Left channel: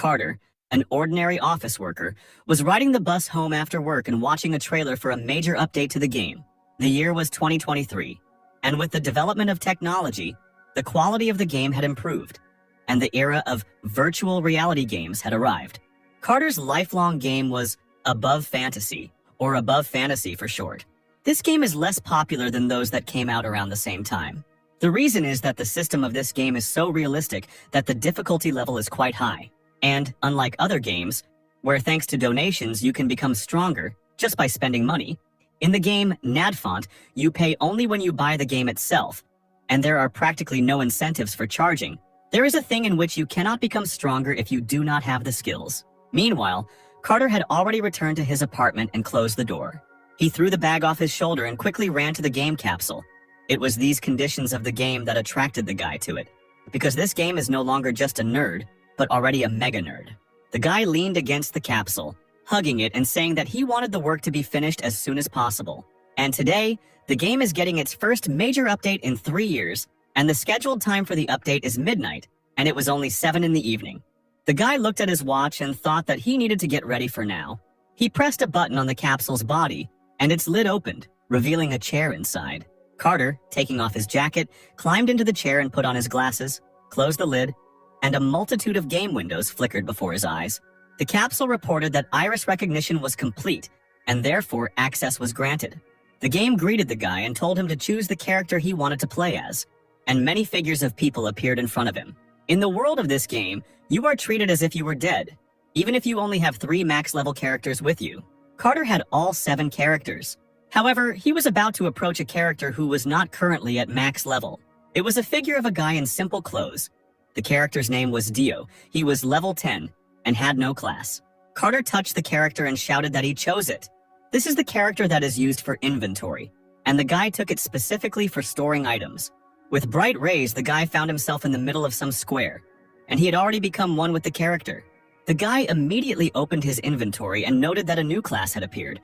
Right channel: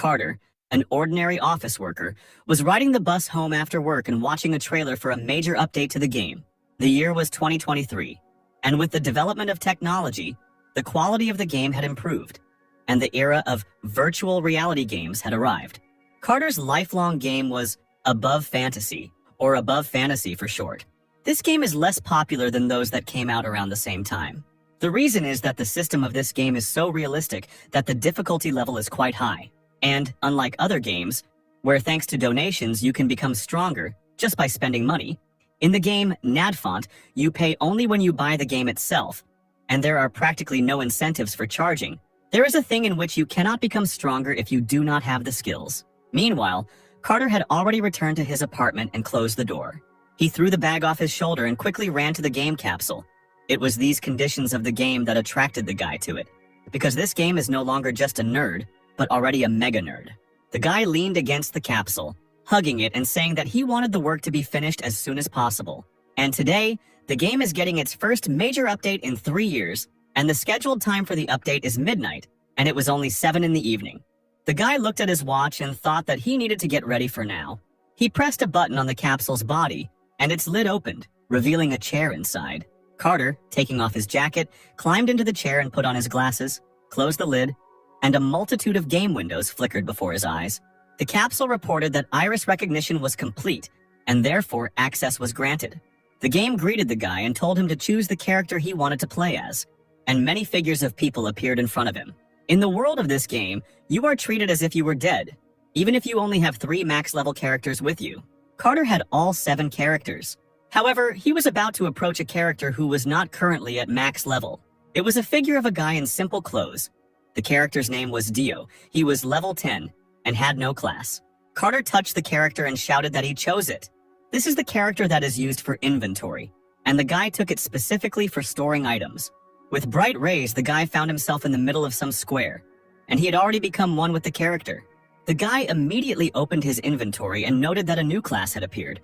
Carter, an ordinary office worker, was riding the bus home after work and watching a trailer for a major update to the game. The year was 2023, and with the development of technology, the quality of the game had improved, and the era of virtual reality games had arrived. Carter's lifelong game was Above Fantasy, or Above Fantasy for short. This game is less popular than those that came out around the same time. The reason is that the system of this game is so realistic that the difficulty level is quite high. And, unlike other games, where thanks to donations you can become stronger just by spending money, in the game Nadfont, you pay only when you buy the game itself, and there are practically no incentives for charging. There is a thing in which you cannot become stronger if you do not have the skills. Meanwhile, Carter had already returned to his apartment and closed the door. He threw the bag off his shoulder and quickly ran to the game capsule. It was these conditions of the game that attracted the guy to it, because this game is no longer just a nerd, but already a mega nerd. The guy leaned against the capsule, hugging it and saying that he wanted the work to be finished as soon as possible. And today, the game is getting its first major update in 3 years, and the scheduled time for the update is midnight, and it was only 7 in the evening. The guy looked at his watch and thought that he needed to get ready for now. He pressed a button on the capsule's body, and its lid opened, revealing a chair inside. Carter, taking off his jacket, climbed into the chair and put on his glasses, closed the lid, and a multitude of game windows flickered before his eyes. The capsule reported that iris recognition was complete, and therefore access was granted. The game greeted the guy and told him to choose the character he wanted to play as, and many figures of people appeared in front of him. In the world of this game, you are treated as if you were dead, even if you only have 3 max-level characters with you. Carter had all 7 characters. However, he was about to approach a character who was not currently at max level. It was a figure of a guy in simple clothes. The character's name was Dio. He was level 10 and had no class. Carter touched the character and shouted that he chose it. This is the character that is used for inventory, and the guy took it specifically for storing items. With bright rays, the guy found himself in the middle of some square, and he had already become one with the character. The guy immediately opened his inventory and noted that a new class had appeared,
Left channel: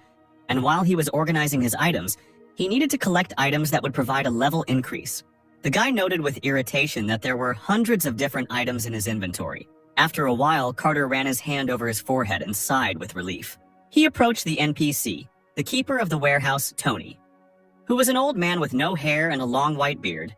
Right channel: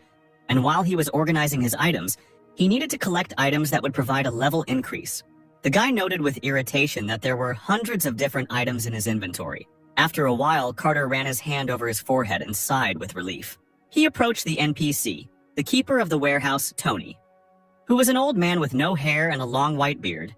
and while he was organizing his items, he needed to collect items that would provide a level increase. The guy noted with irritation that there were hundreds of different items in his inventory. After a while, Carter ran his hand over his forehead and sighed with relief. He approached the NPC, the keeper of the warehouse, Tony, who was an old man with no hair and a long white beard,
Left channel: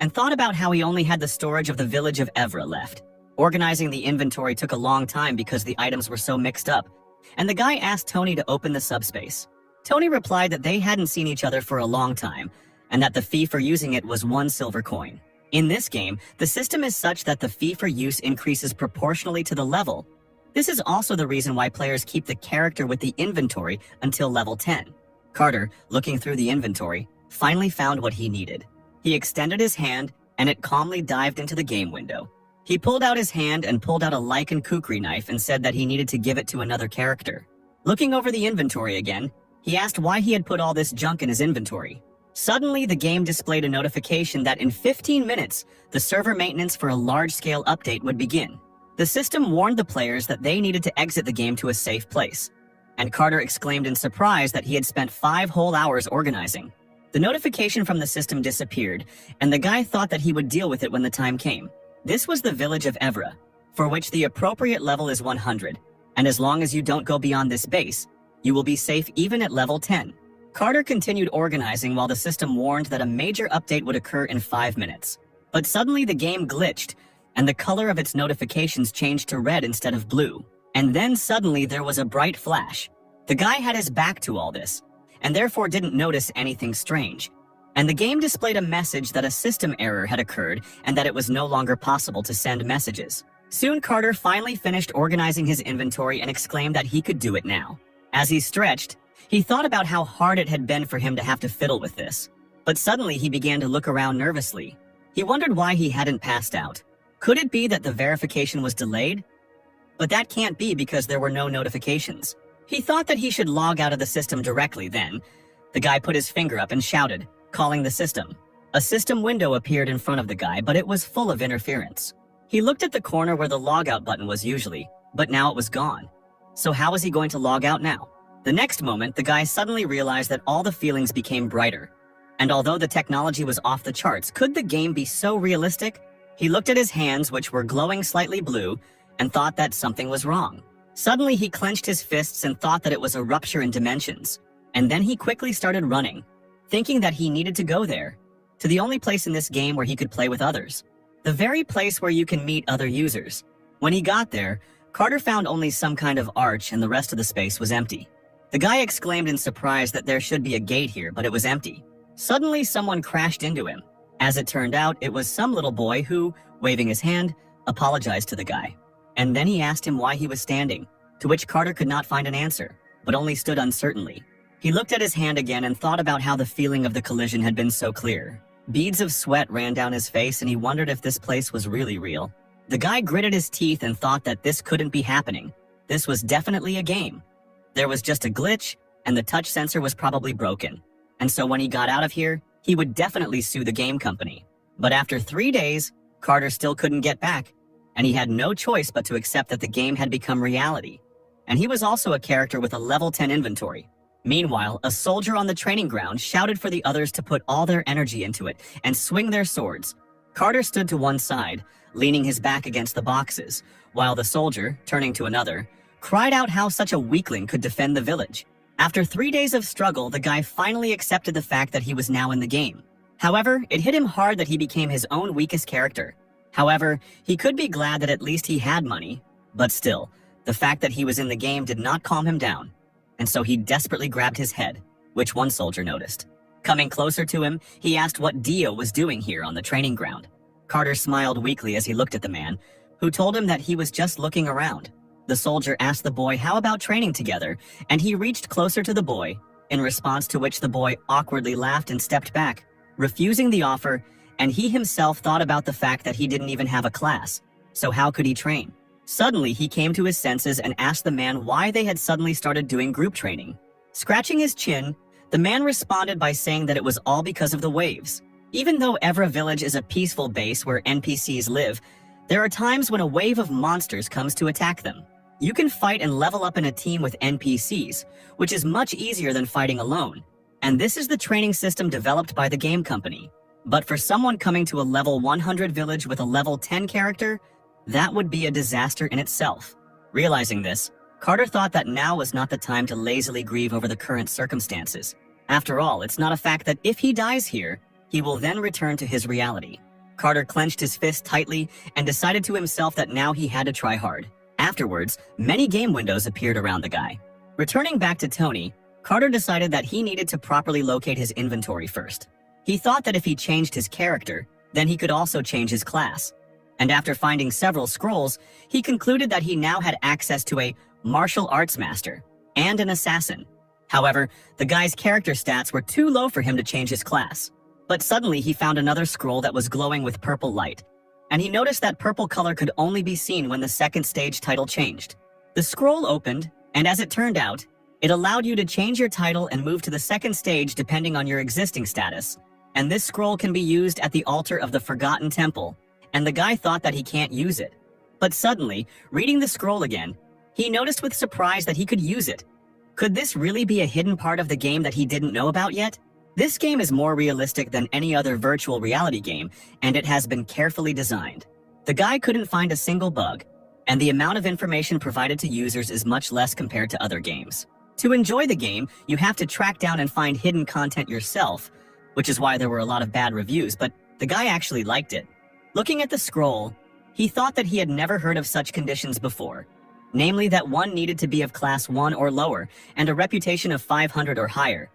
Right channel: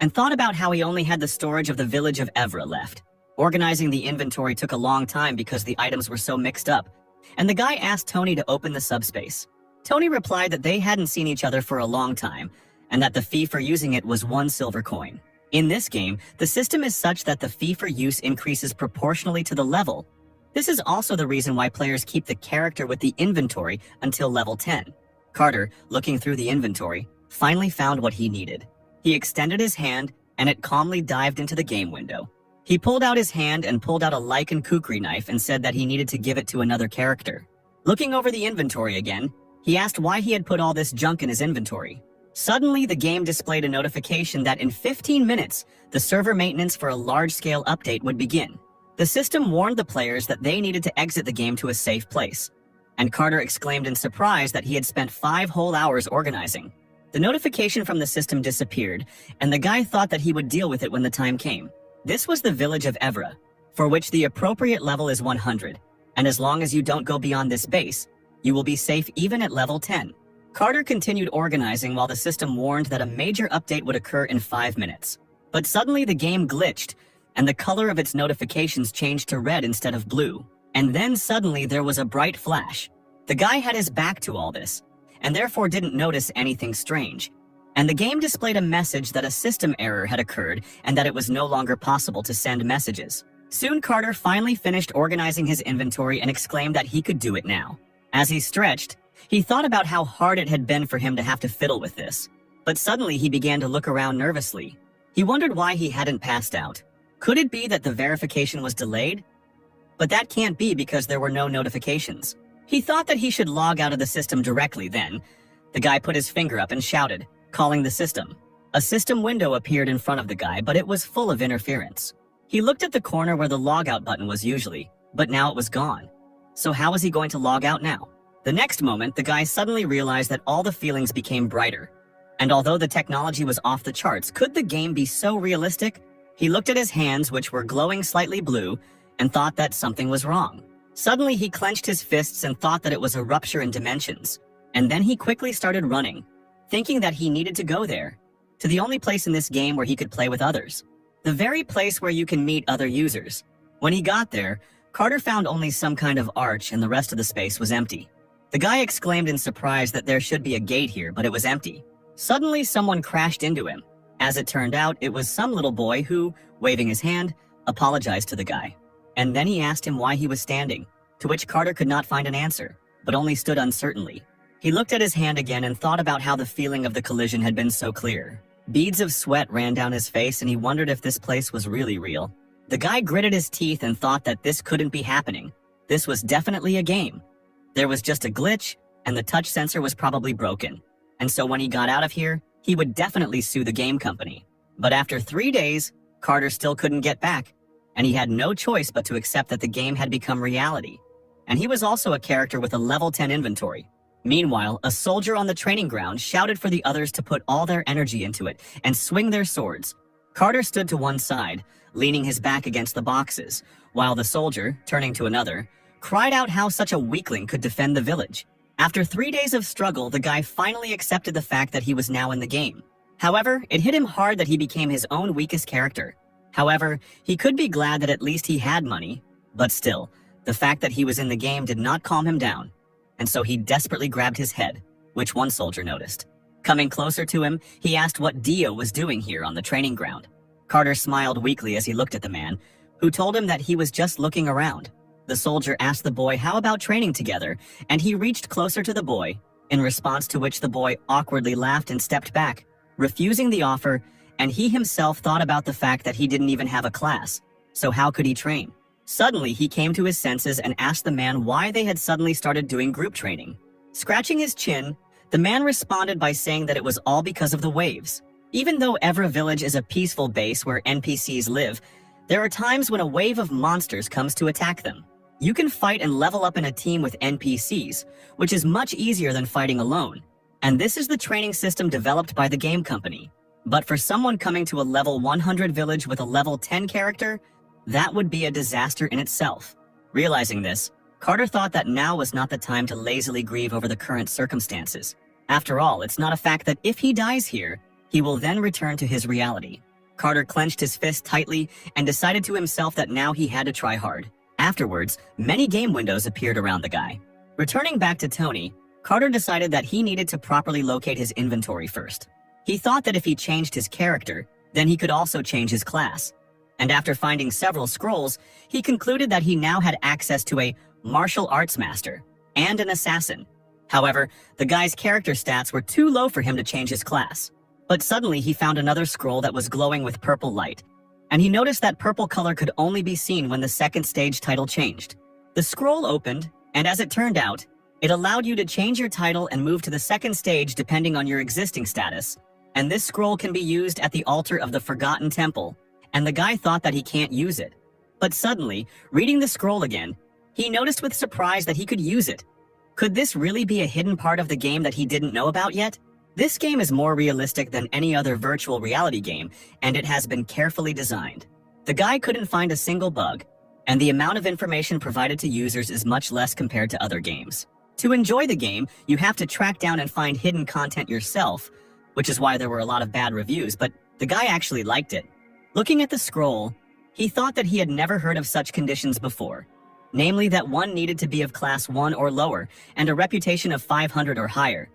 and thought about how he only had the storage of the village of Evra left. Organizing the inventory took a long time because the items were so mixed up, and the guy asked Tony to open the subspace. Tony replied that they hadn't seen each other for a long time, and that the fee for using it was 1 silver coin. In this game, the system is such that the fee for use increases proportionally to the level. This is also the reason why players keep the character with the inventory until level 10. Carter, looking through the inventory, finally found what he needed. He extended his hand, and it calmly dived into the game window. He pulled out his hand and pulled out a lichen kukri knife and said that he needed to give it to another character. Looking over the inventory again, he asked why he had put all this junk in his inventory. Suddenly, the game displayed a notification that in 15 minutes, the server maintenance for a large-scale update would begin. The system warned the players that they needed to exit the game to a safe place, and Carter exclaimed in surprise that he had spent 5 whole hours organizing. The notification from the system disappeared, and the guy thought that he would deal with it when the time came. This was the village of Evra, for which the appropriate level is 100, and as long as you don't go beyond this base, you will be safe even at level 10. Carter continued organizing while the system warned that a major update would occur in 5 minutes. But suddenly the game glitched, and the color of its notifications changed to red instead of blue. And then suddenly there was a bright flash. The guy had his back to all this, and therefore didn't notice anything strange. And the game displayed a message that a system error had occurred and that it was no longer possible to send messages. Soon Carter finally finished organizing his inventory and exclaimed that he could do it now. As he stretched, he thought about how hard it had been for him to have to fiddle with this. But suddenly he began to look around nervously. He wondered why he hadn't passed out. Could it be that the verification was delayed? But that can't be because there were no notifications. He thought that he should log out of the system directly then. The guy put his finger up and shouted, calling the system. A system window appeared in front of the guy, but it was full of interference. He looked at the corner where the logout button was usually, but now it was gone. So how was he going to log out now? The next moment, the guy suddenly realized that all the feelings became brighter. And although the technology was off the charts, could the game be so realistic? He looked at his hands, which were glowing slightly blue, and thought that something was wrong. Suddenly, he clenched his fists and thought that it was a rupture in dimensions. And then he quickly started running, thinking that he needed to go there, to the only place in this game where he could play with others. The very place where you can meet other users. When he got there, Carter found only some kind of arch and the rest of the space was empty. The guy exclaimed in surprise that there should be a gate here, but it was empty. Suddenly, someone crashed into him. As it turned out, it was some little boy who, waving his hand, apologized to the guy. And then he asked him why he was standing, to which Carter could not find an answer, but only stood uncertainly. He looked at his hand again and thought about how the feeling of the collision had been so clear. Beads of sweat ran down his face and he wondered if this place was really real. The guy gritted his teeth and thought that this couldn't be happening. This was definitely a game. There was just a glitch, and the touch sensor was probably broken. And so when he got out of here, he would definitely sue the game company. But after 3 days, Carter still couldn't get back, and he had no choice but to accept that the game had become reality. And he was also a character with a level 10 inventory. Meanwhile, a soldier on the training ground shouted for the others to put all their energy into it and swing their swords. Carter stood to one side, leaning his back against the boxes, while the soldier, turning to another, cried out how such a weakling could defend the village. After 3 days of struggle, the guy finally accepted the fact that he was now in the game. However, it hit him hard that he became his own weakest character. However, he could be glad that at least he had money, but still, the fact that he was in the game did not calm him down, and so he desperately grabbed his head, which one soldier noticed. Coming closer to him, he asked what Dio was doing here on the training ground. Carter smiled weakly as he looked at the man, who told him that he was just looking around. The soldier asked the boy how about training together, and he reached closer to the boy, in response to which the boy awkwardly laughed and stepped back, refusing the offer, and he himself thought about the fact that he didn't even have a class, so how could he train? Suddenly, he came to his senses and asked the man why they had suddenly started doing group training. Scratching his chin, the man responded by saying that it was all because of the waves. Even though Evra Village is a peaceful base where NPCs live, there are times when a wave of monsters comes to attack them. You can fight and level up in a team with NPCs, which is much easier than fighting alone. And this is the training system developed by the game company. But for someone coming to a level 100 village with a level 10 character, that would be a disaster in itself. Realizing this, Carter thought that now was not the time to lazily grieve over the current circumstances. After all, it's not a fact that if he dies here, he will then return to his reality. Carter clenched his fist tightly and decided to himself that now he had to try hard. Afterwards, many game windows appeared around the guy. Returning back to Tony, Carter decided that he needed to properly locate his inventory first. He thought that if he changed his character, then he could also change his class. And after finding several scrolls, he concluded that he now had access to a martial arts master and an assassin. However, the guy's character stats were too low for him to change his class. But suddenly he found another scroll that was glowing with purple light, and he noticed that purple color could only be seen when the second stage title changed. The scroll opened, and as it turned out, it allowed you to change your title and move to the second stage depending on your existing status. And this scroll can be used at the altar of the Forgotten Temple, and the guy thought that he can't use it. But suddenly, reading the scroll again, he noticed with surprise that he could use it. Could this really be a hidden part of the game that he didn't know about yet? This game is more realistic than any other virtual reality game, and it has been carefully designed. The guy couldn't find a single bug, and the amount of information provided to users is much less compared to other games. To enjoy the game, you have to track down and find hidden content yourself, which is why there were a lot of bad reviews, but the guy actually liked it. Looking at the scroll, he thought that he had never heard of such conditions before, namely that one needed to be of class 1 or lower and a reputation of 500 or higher.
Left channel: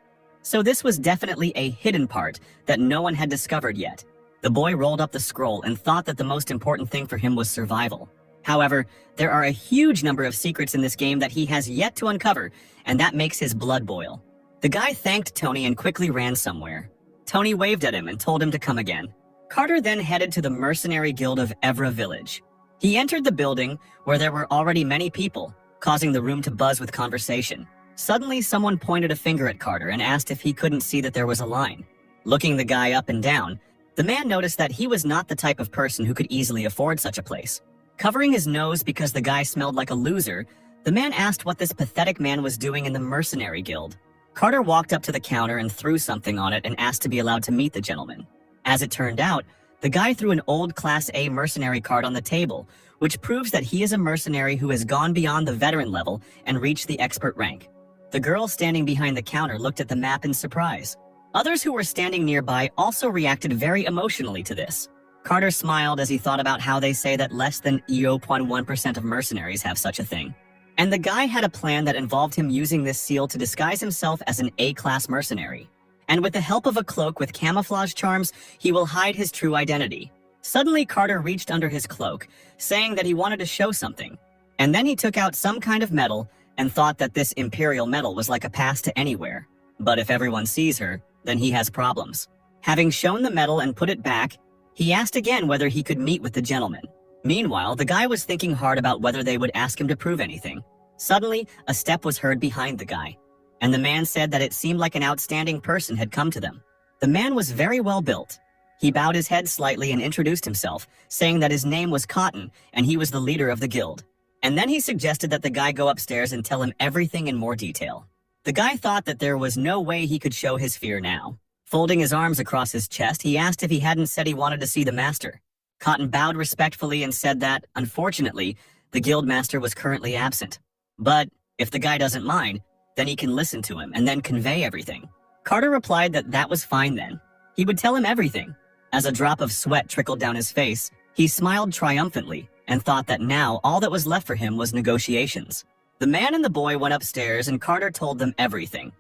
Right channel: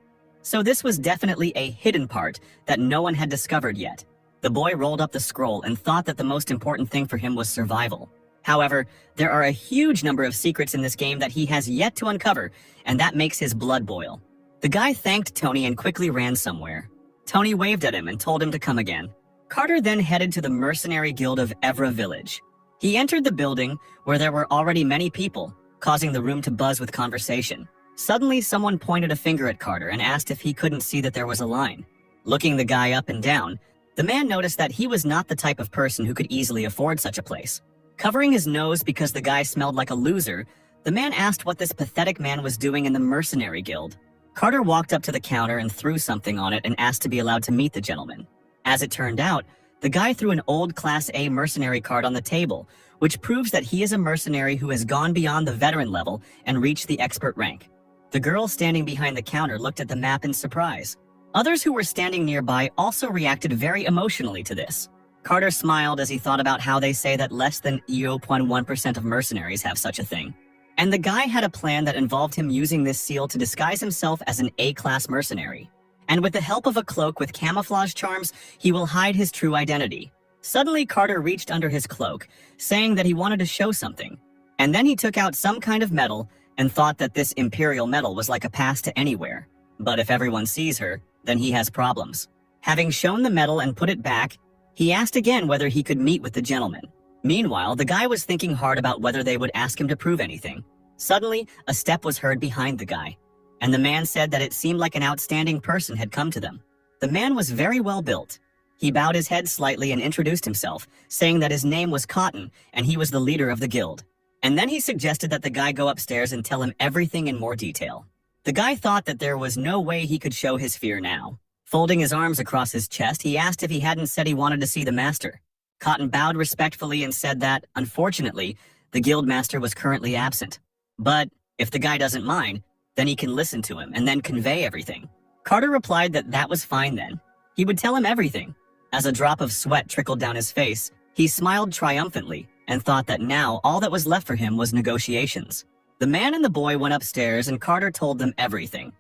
So this was definitely a hidden part that no one had discovered yet. The boy rolled up the scroll and thought that the most important thing for him was survival. However, there are a huge number of secrets in this game that he has yet to uncover, and that makes his blood boil. The guy thanked Tony and quickly ran somewhere. Tony waved at him and told him to come again. Carter then headed to the mercenary guild of Evra Village. He entered the building, where there were already many people, causing the room to buzz with conversation. Suddenly, someone pointed a finger at Carter and asked if he couldn't see that there was a line. Looking the guy up and down, the man noticed that he was not the type of person who could easily afford such a place. Covering his nose because the guy smelled like a loser, the man asked what this pathetic man was doing in the mercenary guild. Carter walked up to the counter and threw something on it and asked to be allowed to meet the gentleman. As it turned out, The guy threw an old Class A mercenary card on the table, which proves that he is a mercenary who has gone beyond the veteran level and reached the expert rank. The girl standing behind the counter looked at the map in surprise. Others who were standing nearby also reacted very emotionally to this. Carter smiled as he thought about how they say that less than 0.1% of mercenaries have such a thing. And the guy had a plan that involved him using this seal to disguise himself as an A-class mercenary. And with the help of a cloak with camouflage charms, he will hide his true identity. Suddenly, Carter reached under his cloak, saying that he wanted to show something. And then he took out some kind of metal and thought that this imperial metal was like a pass to anywhere. But if everyone sees her, then he has problems. Having shown the metal and put it back, he asked again whether he could meet with the gentleman. Meanwhile, the guy was thinking hard about whether they would ask him to prove anything. Suddenly, a step was heard behind the guy, and the man said that it seemed like an outstanding person had come to them. The man was very well built. He bowed his head slightly and introduced himself, saying that his name was Cotton and he was the leader of the guild. And then he suggested that the guy go upstairs and tell him everything in more detail. The guy thought that there was no way he could show his fear now. Folding his arms across his chest, he asked if he hadn't said he wanted to see the master. Cotton bowed respectfully and said that, unfortunately, the guild master was currently absent. But if the guy doesn't mind, then he can listen to him and then convey everything. Carter replied that that was fine then. He would tell him everything. As a drop of sweat trickled down his face, he smiled triumphantly and thought that now all that was left for him was negotiations. The man and the boy went upstairs and Carter told them everything.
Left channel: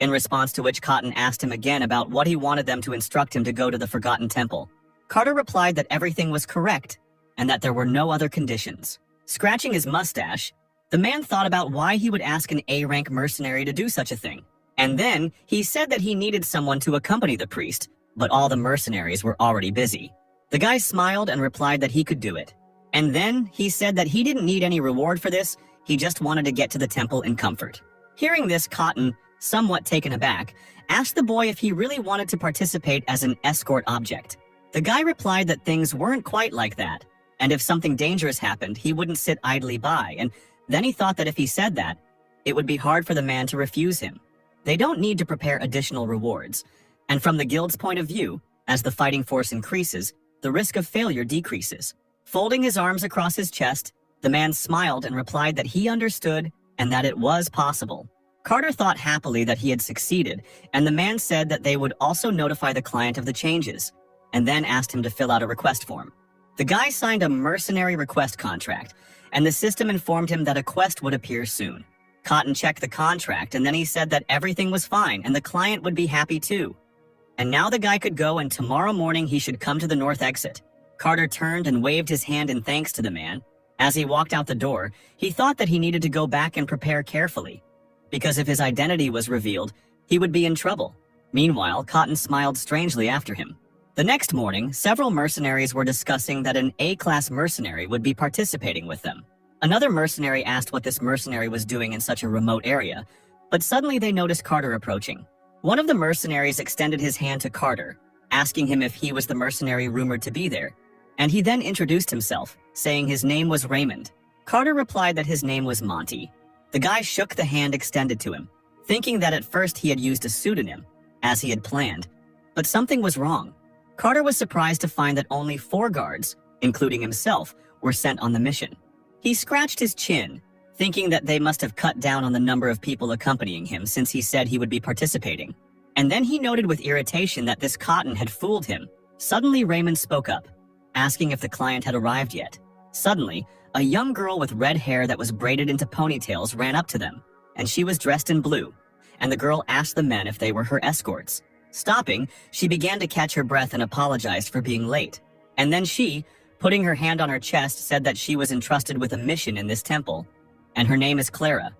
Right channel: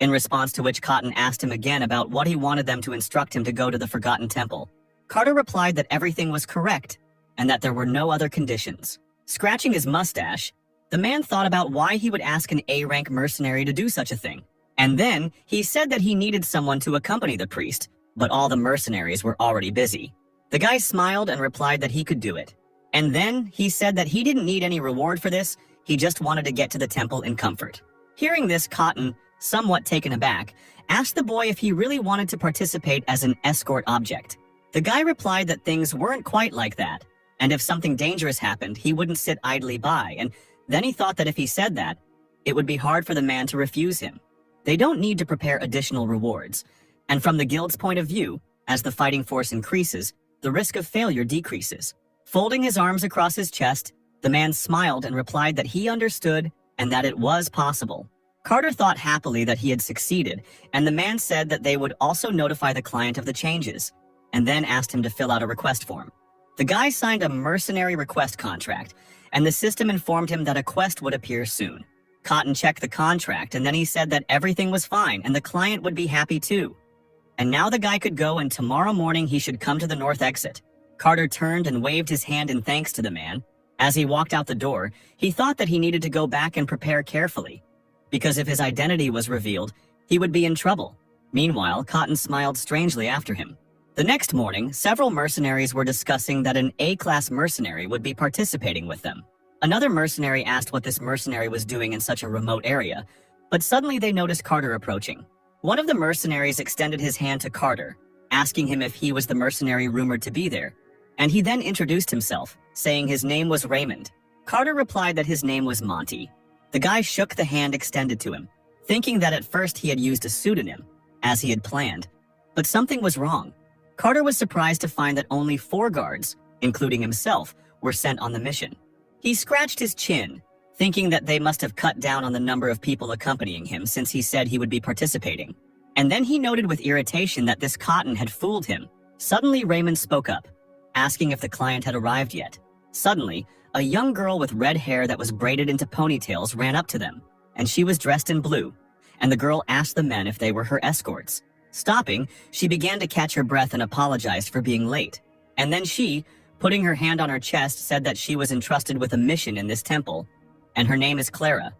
In response to which Cotton asked him again about what he wanted them to instruct him to go to the Forgotten Temple. Carter replied that everything was correct and that there were no other conditions. Scratching his mustache, the man thought about why he would ask an A-rank mercenary to do such a thing. And then he said that he needed someone to accompany the priest, but all the mercenaries were already busy. The guy smiled and replied that he could do it. And then he said that he didn't need any reward for this, he just wanted to get to the temple in comfort. Hearing this, Cotton, somewhat taken aback, asked the boy if he really wanted to participate as an escort object. The guy replied that things weren't quite like that, and if something dangerous happened, he wouldn't sit idly by, and then he thought that if he said that, it would be hard for the man to refuse him. They don't need to prepare additional rewards, and from the guild's point of view, as the fighting force increases, the risk of failure decreases. Folding his arms across his chest, the man smiled and replied that he understood and that it was possible. Carter thought happily that he had succeeded, and the man said that they would also notify the client of the changes, and then asked him to fill out a request form. The guy signed a mercenary request contract, and the system informed him that a quest would appear soon. Cotton checked the contract, and then he said that everything was fine and the client would be happy too. And now the guy could go, and tomorrow morning he should come to the north exit. Carter turned and waved his hand in thanks to the man. As he walked out the door, he thought that he needed to go back and prepare carefully, because if his identity was revealed, he would be in trouble. Meanwhile, Cotton smiled strangely after him. The next morning, several mercenaries were discussing that an A-class mercenary would be participating with them. Another mercenary asked what this mercenary was doing in such a remote area, but suddenly they noticed Carter approaching. One of the mercenaries extended his hand to Carter, asking him if he was the mercenary rumored to be there, and he then introduced himself, saying his name was Raymond. Carter replied that his name was Monty. The guy shook the hand extended to him, thinking that at first he had used a pseudonym, as he had planned, but something was wrong. Carter was surprised to find that only 4 guards, including himself, were sent on the mission. He scratched his chin, thinking that they must have cut down on the number of people accompanying him since he said he would be participating. And then he noted with irritation that this Cotton had fooled him. Suddenly, Raymond spoke up, asking if the client had arrived yet. Suddenly, a young girl with red hair that was braided into ponytails ran up to them, and she was dressed in blue, and the girl asked the men if they were her escorts. Stopping, she began to catch her breath and apologized for being late. And then she, putting her hand on her chest, said that she was entrusted with a mission in this temple, and her name is Clara,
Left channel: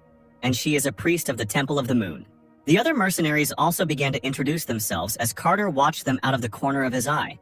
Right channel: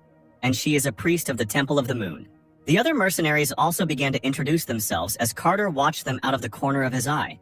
and she is a priest of the Temple of the Moon. The other mercenaries also began to introduce themselves as Carter watched them out of the corner of his eye,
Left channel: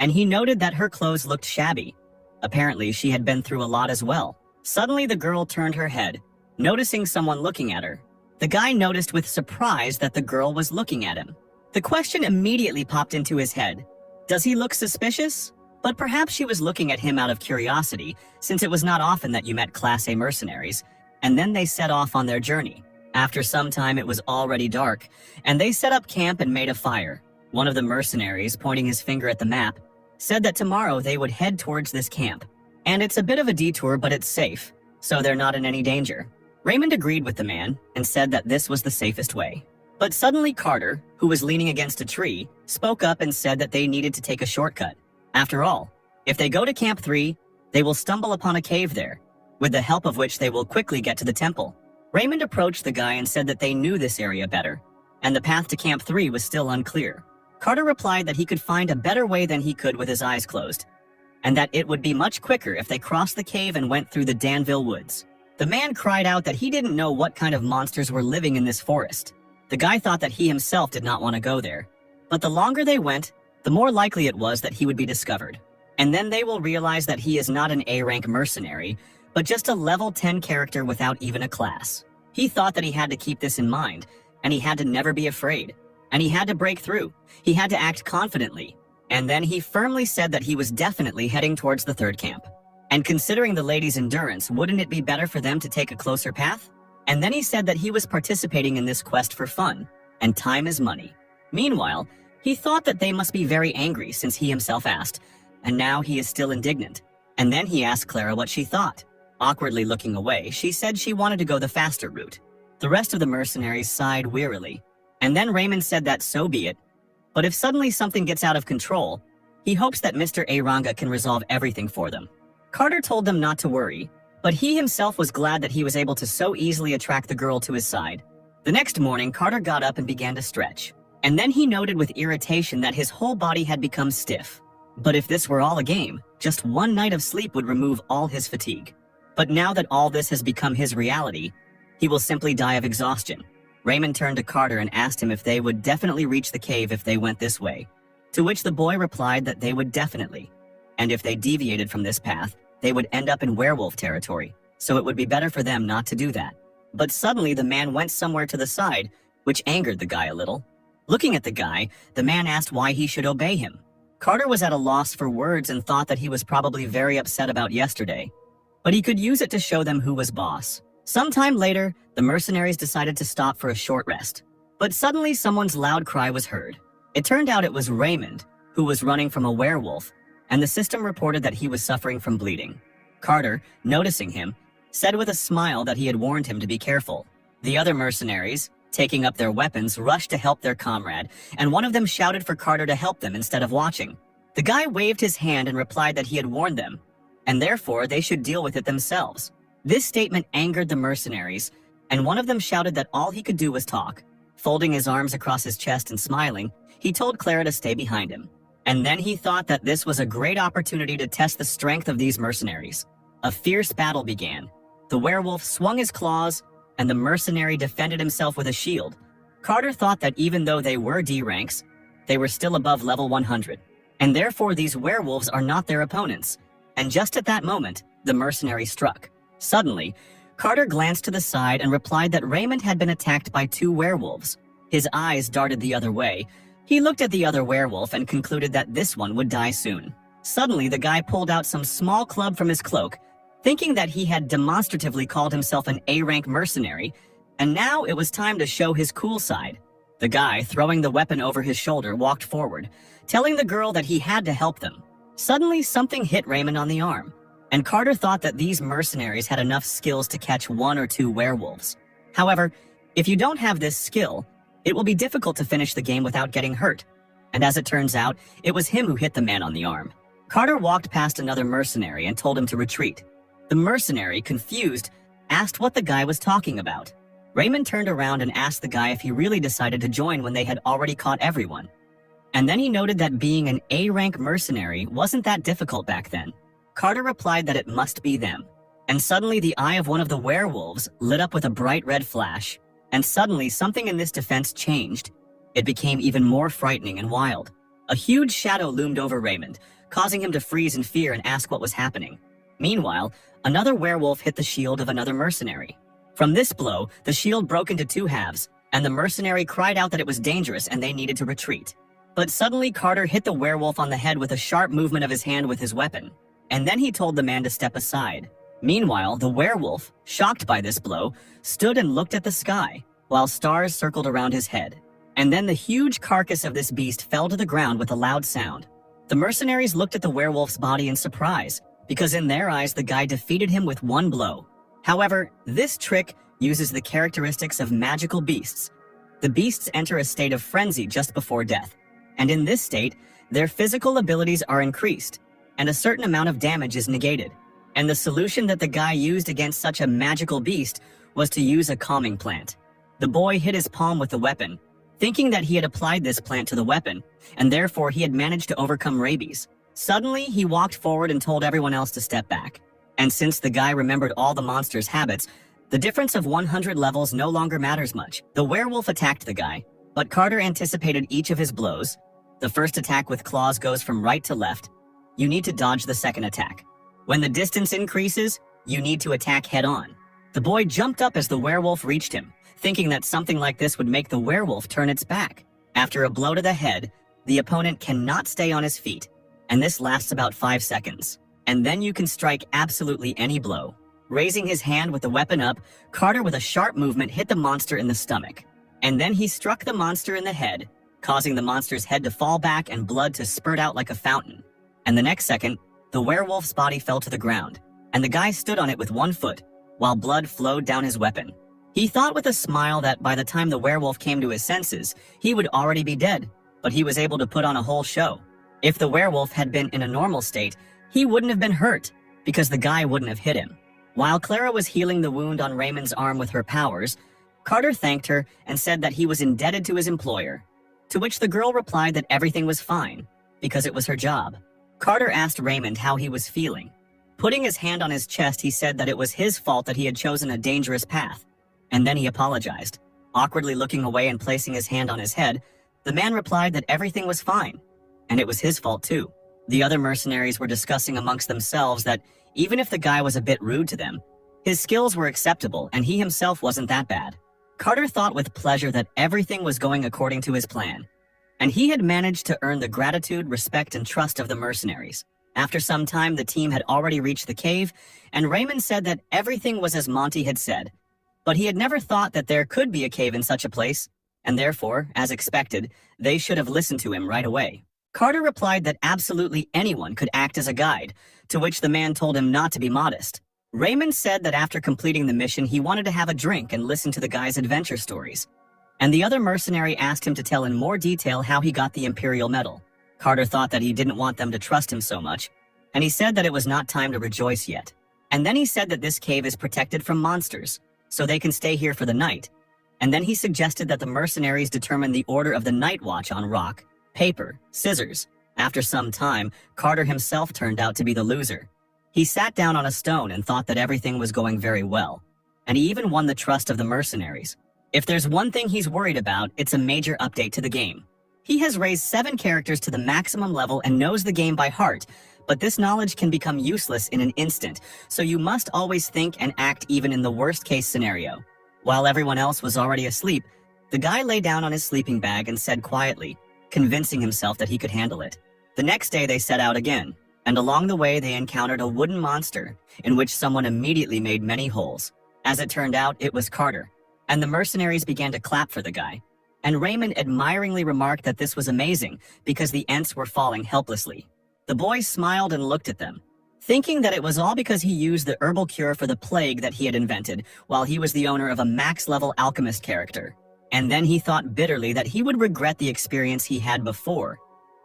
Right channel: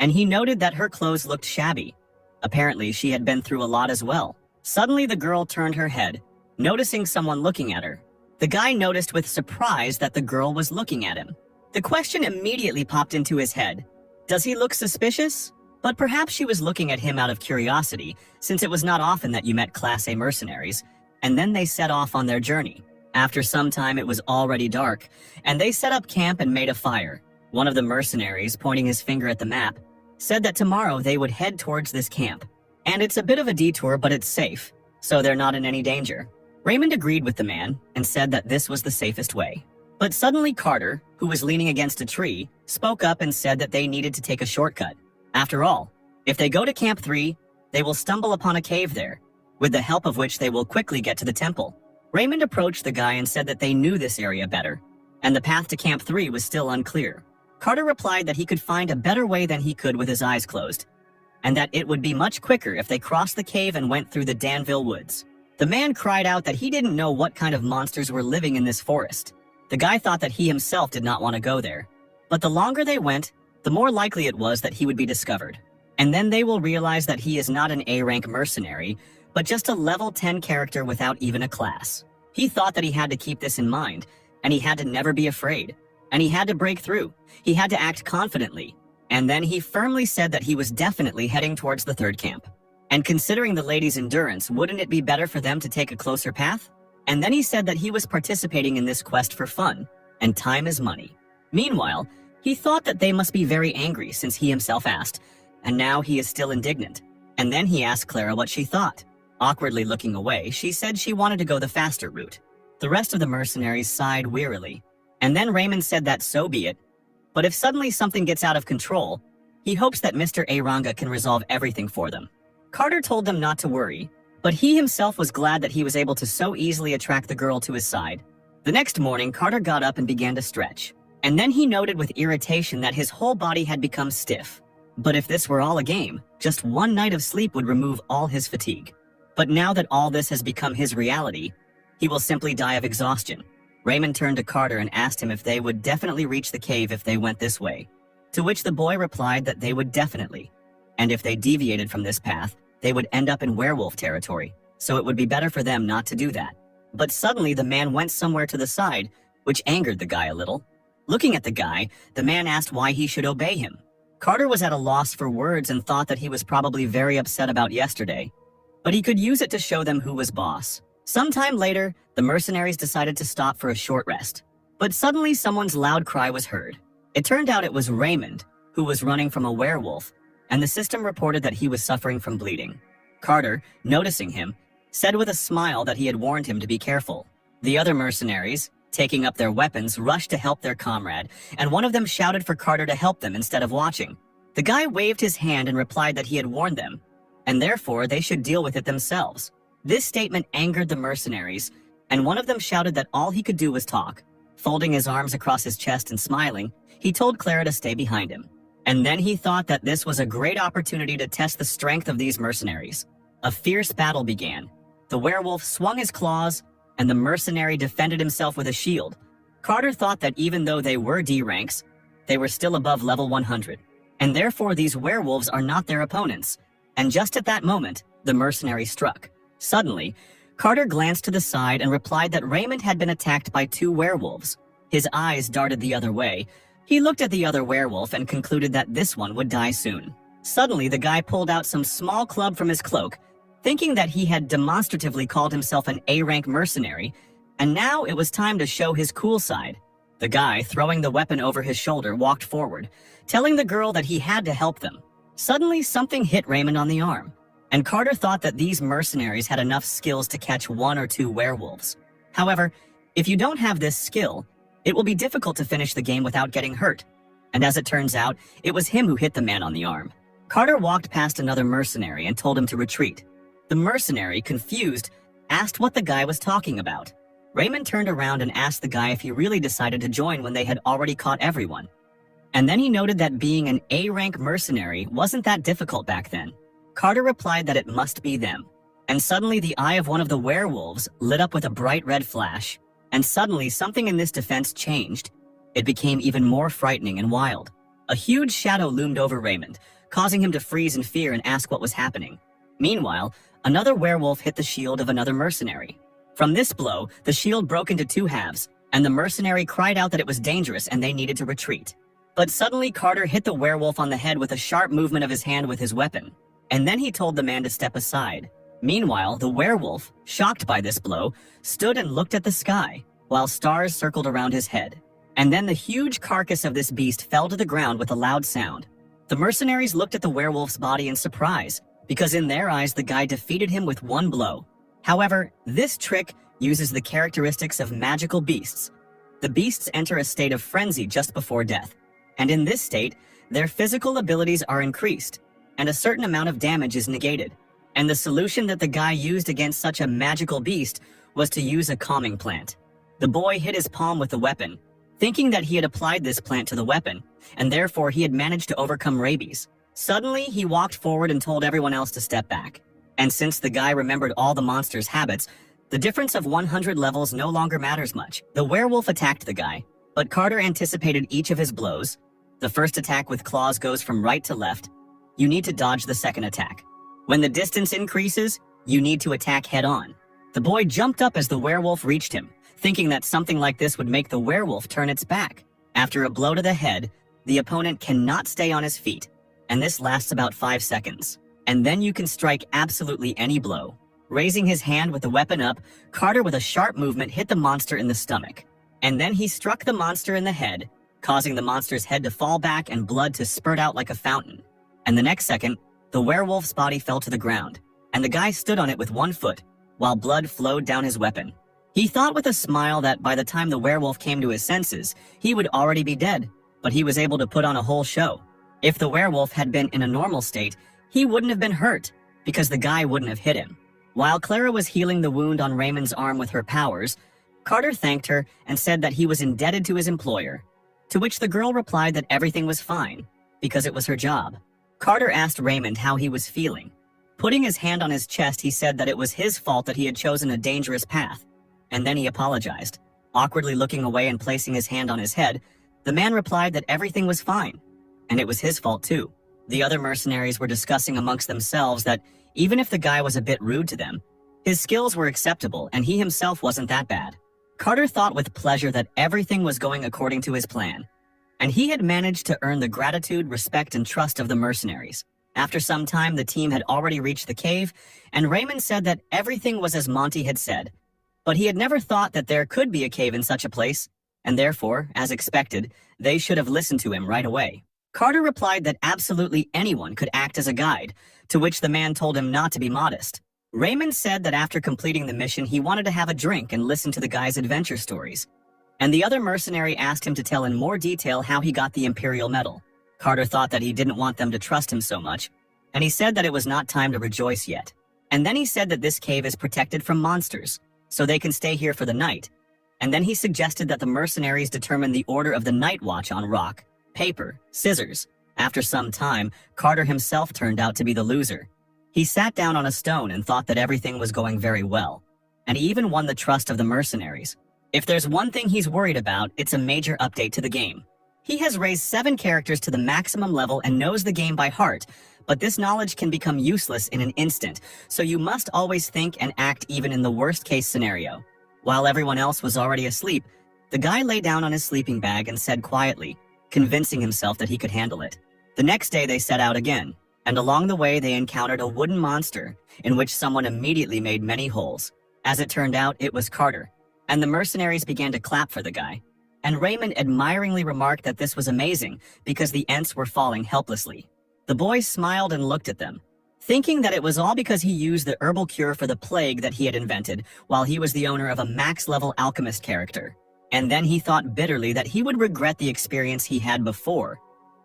and he noted that her clothes looked shabby. Apparently, she had been through a lot as well. Suddenly, the girl turned her head, noticing someone looking at her. The guy noticed with surprise that the girl was looking at him. The question immediately popped into his head. Does he look suspicious? But perhaps she was looking at him out of curiosity, since it was not often that you met Class A mercenaries, and then they set off on their journey. After some time, it was already dark, and they set up camp and made a fire. One of the mercenaries, pointing his finger at the map, said that tomorrow they would head towards this camp. And it's a bit of a detour, but it's safe, so they're not in any danger. Raymond agreed with the man and said that this was the safest way. But suddenly Carter, who was leaning against a tree, spoke up and said that they needed to take a shortcut. After all, if they go to Camp 3, they will stumble upon a cave there, with the help of which they will quickly get to the temple. Raymond approached the guy and said that they knew this area better, and the path to Camp 3 was still unclear. Carter replied that he could find a better way than he could with his eyes closed, and that it would be much quicker if they crossed the cave and went through the Danville woods. The man cried out that he didn't know what kind of monsters were living in this forest. The guy thought that he himself did not want to go there. But the longer they went, the more likely it was that he would be discovered. And then they will realize that he is not an A-rank mercenary, but just a level 10 character without even a class. He thought that he had to keep this in mind, and he had to never be afraid. And he had to break through. He had to act confidently. And then he firmly said that he was definitely heading towards the third camp. And considering the ladies' endurance, wouldn't it be better for them to take a closer path? And then he said that he was participating in this quest for fun, and time is money. Meanwhile, he thought that they must be very angry since he himself asked, and now he is still indignant. And then he asked Clara what she thought. Awkwardly looking away, she said she wanted to go the faster route. The rest of the mercenaries sighed wearily. And then Raymond said that so be it, but if suddenly something gets out of control, he hopes that Mr. Aranga can resolve everything for them. Carter told them not to worry, but he himself was glad that he was able to so easily attract the girl to his side. The next morning, Carter got up and began to stretch. And then he noted with irritation that his whole body had become stiff. But if this were all a game, just one night of sleep would remove all his fatigue. But now that all this has become his reality, he will simply die of exhaustion. Raymond turned to Carter and asked him if they would definitely reach the cave if they went this way. To which the boy replied that they would definitely. And if they deviated from this path, they would end up in werewolf territory, so it would be better for them not to do that. But suddenly the man went somewhere to the side, which angered the guy a little. Looking at the guy, the man asked why he should obey him. Carter was at a loss for words and thought that he was probably very upset about yesterday, but he could use it to show them who was boss. Sometime later, the mercenaries decided to stop for a short rest. But suddenly someone's loud cry was heard. It turned out it was Raymond, who was running from a werewolf, and the system reported that he was suffering from bleeding. Carter, noticing him, said with a smile that he had warned him to be careful. The other mercenaries, taking up their weapons, rushed to help their comrade, and one of them shouted for Carter to help them instead of watching. The guy waved his hand and replied that he had warned them, and therefore they should deal with it themselves. This statement angered the mercenaries, and one of them shouted that all he could do was talk. Folding his arms across his chest and smiling, he told Clara to stay behind him. And then he thought that this was a great opportunity to test the strength of these mercenaries. A fierce battle began. The werewolf swung his claws, and the mercenary defended himself with a shield. Carter thought that even though they were D ranks, they were still above level 100, and therefore these werewolves are not their opponents. And just at that moment, the mercenary struck. Suddenly, Carter glanced to the side and replied that Raymond had been attacked by 2 werewolves. His eyes darted the other way. He looked at the other werewolf and concluded that this one would die soon. Suddenly, the guy pulled out some small club from his cloak, thinking that he had demonstratively called himself an A-rank mercenary, and now it was time to show his cool side. The guy, throwing the weapon over his shoulder, walked forward, telling the girl that he had to help them. Suddenly, something hit Raymond on the arm, and Carter thought that these mercenaries had enough skills to catch 1 or 2 werewolves. However, if you don't have this skill, it will be difficult to finish the game without getting hurt. And as it turns out, it was him who hit the man on the arm. Carter walked past another mercenary and told him to retreat. The mercenary, confused, asked what the guy was talking about. Raymond turned around and asked the guy if he really decided to join when they had already caught everyone. And then he noted that being an A-rank mercenary wasn't that difficult back then. Carter replied that it must be them. And suddenly the eye of one of the werewolves lit up with a bright red flash. And suddenly something in this defense changed. It became even more frightening and wild. A huge shadow loomed over Raymond, causing him to freeze in fear and ask what was happening. Meanwhile, another werewolf hit the shield of another mercenary. From this blow, the shield broke into 2 halves, and the mercenary cried out that it was dangerous and they needed to retreat. But suddenly Carter hit the werewolf on the head with a sharp movement of his hand with his weapon, and then he told the man to step aside. Meanwhile, the werewolf, shocked by this blow, stood and looked at the sky, while stars circled around his head. And then the huge carcass of this beast fell to the ground with a loud sound. The mercenaries looked at the werewolf's body in surprise, because in their eyes the guy defeated him with one blow. However, this trick uses the characteristics of magical beasts. The beasts enter a state of frenzy just before death, and in this state, their physical abilities are increased, and a certain amount of damage is negated. And the solution that the guy used against such a magical beast was to use a calming plant. The boy hit his palm with the weapon, thinking that he had applied this plant to the weapon, and therefore he had managed to overcome rabies. Suddenly, he walked forward and told everyone else to step back. And since the guy remembered all the monster's habits, the difference of 100 levels no longer matters much. The werewolf attacked the guy, but Carter anticipated each of his blows. The first attack with claws goes from right to left. You need to dodge the second attack. When the distance increases, you need to attack head-on. The boy jumped up as the werewolf reached him, thinking that something like this would make the werewolf turn its back. After a blow to the head, the opponent cannot stay on his feet, and this lasts about 5 seconds. And then you can strike absolutely any blow. Raising his hand with the weapon up, Carter with a sharp movement hit the monster in the stomach. And then he struck the monster in the head, causing the monster's head to fall back and blood to spurt out like a fountain. And the next second, the werewolf's body fell to the ground, and the guy stood on it with one foot, while blood flowed down his weapon. He thought with a smile that by the time the werewolf came to his senses, he would already be dead, but he was able to put on a whole show. If the werewolf had been in a normal state, he wouldn't have been hurt, because the guy wouldn't have hit him. While Clara was healing the wound on Raymond's arm with her powers, Carter thanked her and said that he was indebted to his employer, to which the girl replied that everything was fine, because it was her job. Carter asked Raymond how he was feeling. Putting his hand on his chest, he said that it was his fault that he had chosen a dangerous path, and then he apologized. Awkwardly looking away and placing his hand on his head, the man replied that everything was fine, and it was his fault too. The other mercenaries were discussing amongst themselves that even if the guy was a bit rude to them, his skills were acceptable and he himself wasn't that bad. Carter thought with pleasure that everything was going according to his plan, and he had managed to earn the gratitude, respect, and trust of the mercenaries. After some time, the team had already reached the cave, and Raymond said that everything was as Monty had said, but he had never thought that there could be a cave in such a place, and therefore, as expected, they should have listened to him right away. Carter replied that absolutely anyone could act as a guide, to which the man told him not to be modest. Raymond said that after completing the mission, he wanted to have a drink and listen to the guy's adventure stories. And the other mercenary asked him to tell in more detail how he got the Imperial Medal. Carter thought that he didn't want them to trust him so much, and he said that it was not time to rejoice yet. And then he said that this cave is protected from monsters, so they can stay here for the night. And then he suggested that the mercenaries determine the order of the night watch on rock, paper, scissors. After some time, Carter himself turned out to be the loser. He sat down on a stone and thought that everything was going very well, and he even won the trust of the mercenaries. If there's one thing he's worried about, it's a major update to the game. He has raised 7 characters to the maximum level and knows the game by heart, but this knowledge can become useless in an instant, so you must always think and act even in the worst-case scenario. While everyone else was already asleep, the guy lay down on his sleeping bag and said quietly, convincing himself that he could handle it. The next day they set out again, and along the way they encountered a wooden monster, in which someone immediately made many holes. As it turned out, it was Carter, and the mercenaries began to clap for the guy. And Raymond admiringly remarked that this was amazing, because the Ents were falling helplessly. The boy smiled and looked at them, thinking that it was all because he used the herbal cure for the plague that he had invented while he was the owner of a max-level alchemist character. And then he thought bitterly that he would regret the experience he had before.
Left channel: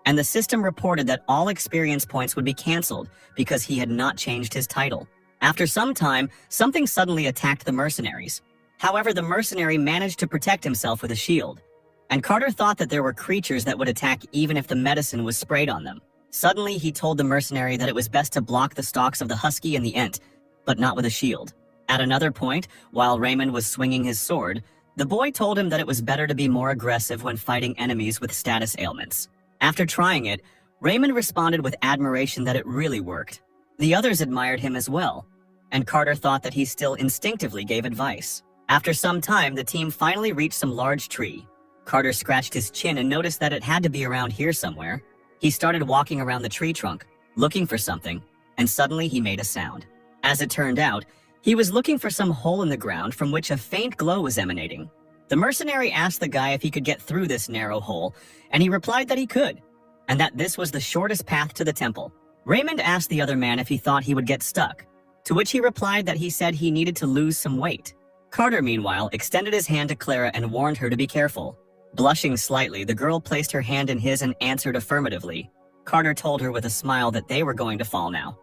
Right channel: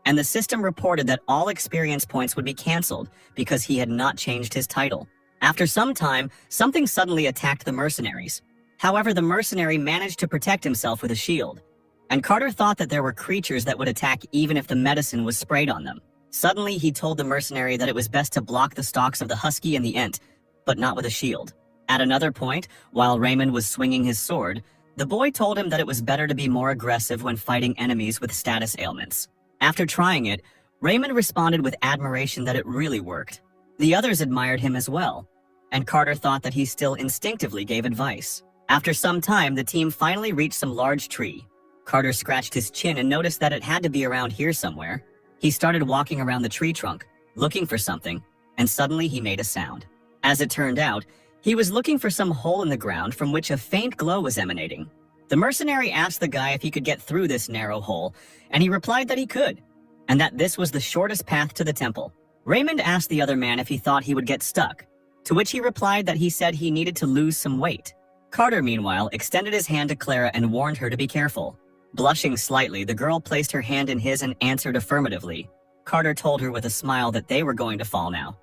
And the system reported that all experience points would be cancelled because he had not changed his title. After some time, something suddenly attacked the mercenaries. However, the mercenary managed to protect himself with a shield, and Carter thought that there were creatures that would attack even if the medicine was sprayed on them. Suddenly, he told the mercenary that it was best to block the stalks of the husky and the ent, but not with a shield. At another point, while Raymond was swinging his sword, the boy told him that it was better to be more aggressive when fighting enemies with status ailments. After trying it, Raymond responded with admiration that it really worked. The others admired him as well, and Carter thought that he still instinctively gave advice. After some time, the team finally reached some large tree. Carter scratched his chin and noticed that it had to be around here somewhere. He started walking around the tree trunk, looking for something, and suddenly he made a sound. As it turned out, he was looking for some hole in the ground from which a faint glow was emanating. The mercenary asked the guy if he could get through this narrow hole, and he replied that he could. and that this was the shortest path to the temple. Raymond asked the other man if he thought he would get stuck, to which he replied that he said he needed to lose some weight. Carter, meanwhile, extended his hand to Clara and warned her to be careful. Blushing slightly, the girl placed her hand in his and answered affirmatively. Carter told her with a smile that they were going to fall now.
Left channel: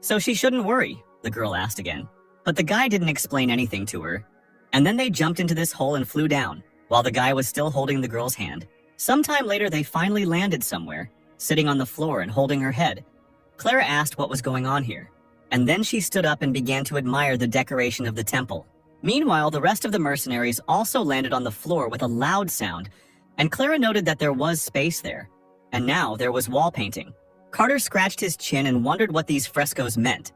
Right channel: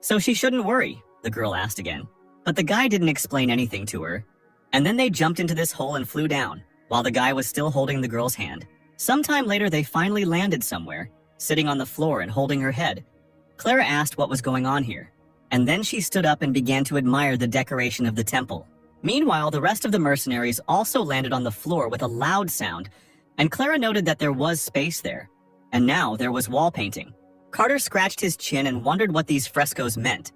So she shouldn't worry, the girl asked again. But the guy didn't explain anything to her. And then they jumped into this hole and flew down, while the guy was still holding the girl's hand. Sometime later, they finally landed somewhere, sitting on the floor and holding her head. Clara asked what was going on here, and then she stood up and began to admire the decoration of the temple. Meanwhile, the rest of the mercenaries also landed on the floor with a loud sound, and Clara noted that there was space there, and now there was wall painting. Carter scratched his chin and wondered what these frescoes meant.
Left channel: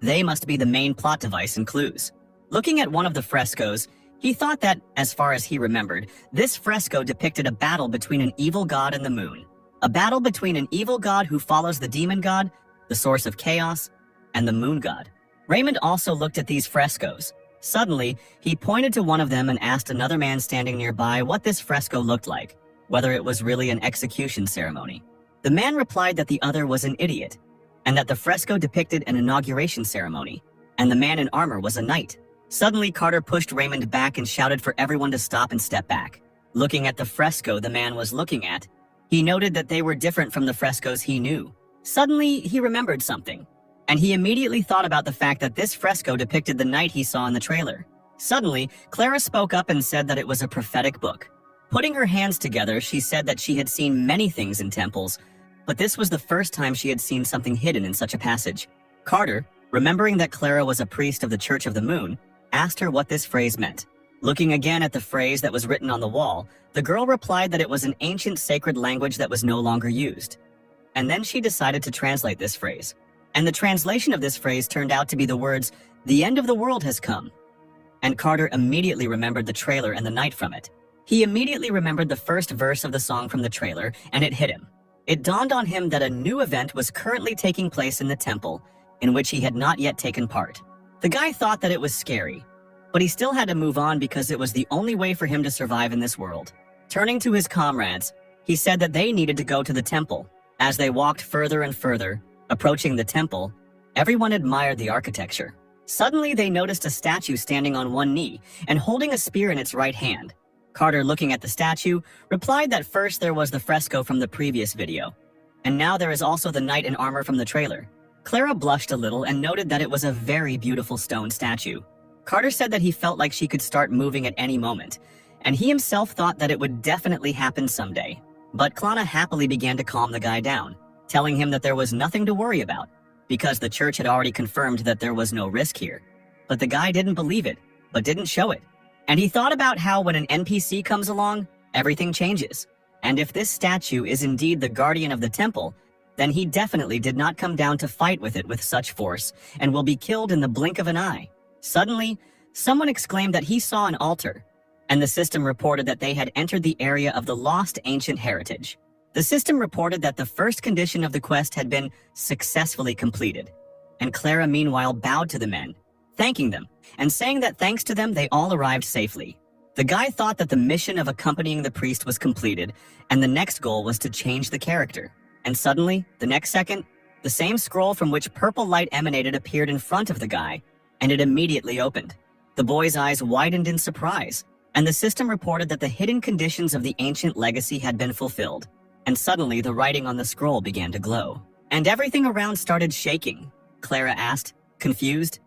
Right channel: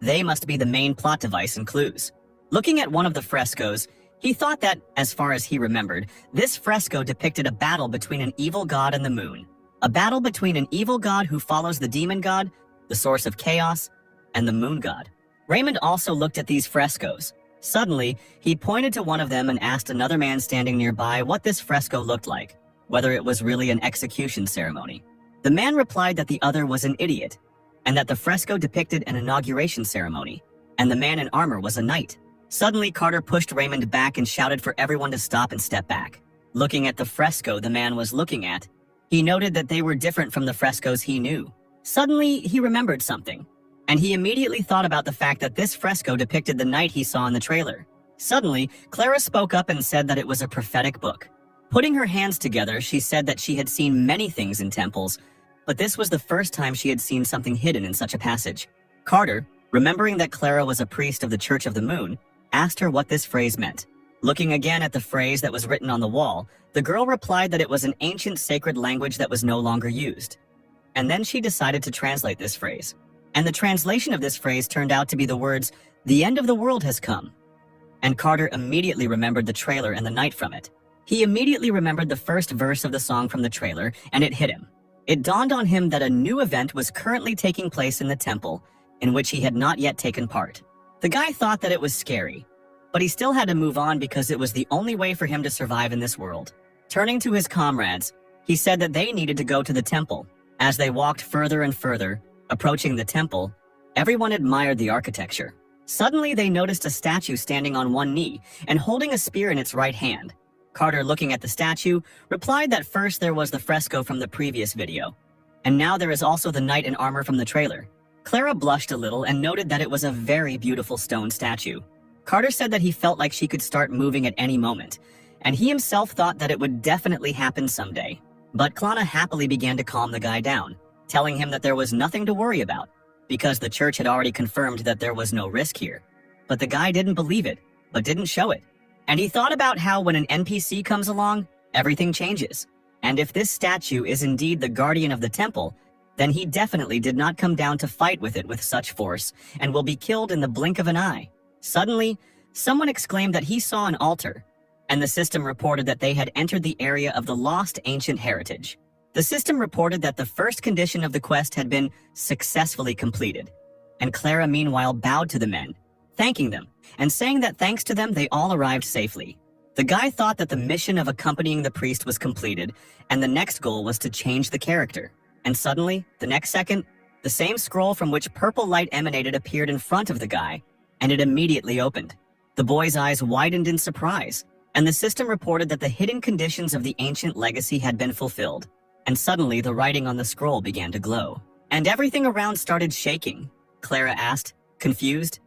They must be the main plot device and clues. Looking at one of the frescoes, he thought that, as far as he remembered, this fresco depicted a battle between an evil god and the moon. A battle between an evil god who follows the demon god, the source of chaos, and the moon god. Raymond also looked at these frescoes. Suddenly, he pointed to one of them and asked another man standing nearby what this fresco looked like, whether it was really an execution ceremony. The man replied that the other was an idiot, and that the fresco depicted an inauguration ceremony, and the man in armor was a knight. Suddenly, Carter pushed Raymond back and shouted for everyone to stop and step back. Looking at the fresco the man was looking at, he noted that they were different from the frescoes he knew. Suddenly, he remembered something, and he immediately thought about the fact that this fresco depicted the knight he saw in the trailer. Suddenly, Clara spoke up and said that it was a prophetic book. Putting her hands together, she said that she had seen many things in temples, but this was the first time she had seen something hidden in such a passage. Carter, remembering that Clara was a priest of the Church of the Moon, asked her what this phrase meant. Looking again at the phrase that was written on the wall, the girl replied that it was an ancient sacred language that was no longer used. And then she decided to translate this phrase. And the translation of this phrase turned out to be the words, "The end of the world has come." And Carter immediately remembered the trailer and the night from it. He immediately remembered the first verse of the song from the trailer, and it hit him. It dawned on him that a new event was currently taking place in the temple, in which he had not yet taken part. The guy thought that it was scary, but he still had to move on because it was the only way for him to survive in this world. Turning to his comrades, he said that they needed to go to the temple. As they walked further and further, approaching the temple, everyone admired the architecture. Suddenly, they noticed a statue standing on one knee and holding a spear in its right hand. Carter, looking at the statue, replied that first there was the fresco from the previous video, and now there is also the knight in armor from the trailer. Clara blushed a little and noted that it was a very beautiful stone statue. Carter said that he felt like she could start moving at any moment, and he himself thought that it would definitely happen someday. But Clara happily began to calm the guy down, telling him that there was nothing to worry about, because the church had already confirmed that there was no risk here. But the guy didn't believe it, but didn't show it. And he thought about how when an NPC comes along, everything changes. And if this statue is indeed the guardian of the temple, then he definitely did not come down to fight with it with such force, and will be killed in the blink of an eye. Suddenly, someone exclaimed that he saw an altar, and the system reported that they had entered the area of the lost ancient heritage. The system reported that the first condition of the quest had been successfully completed, and Clara meanwhile bowed to the men, thanking them, and saying that thanks to them they all arrived safely. The guy thought that the mission of accompanying the priest was completed, and the next goal was to change the character. And suddenly, the next second, the same scroll from which purple light emanated appeared in front of the guy, and it immediately opened. The boy's eyes widened in surprise, and the system reported that the hidden conditions of the ancient legacy had been fulfilled. And suddenly, the writing on the scroll began to glow, and everything around started shaking. Clara asked, confused,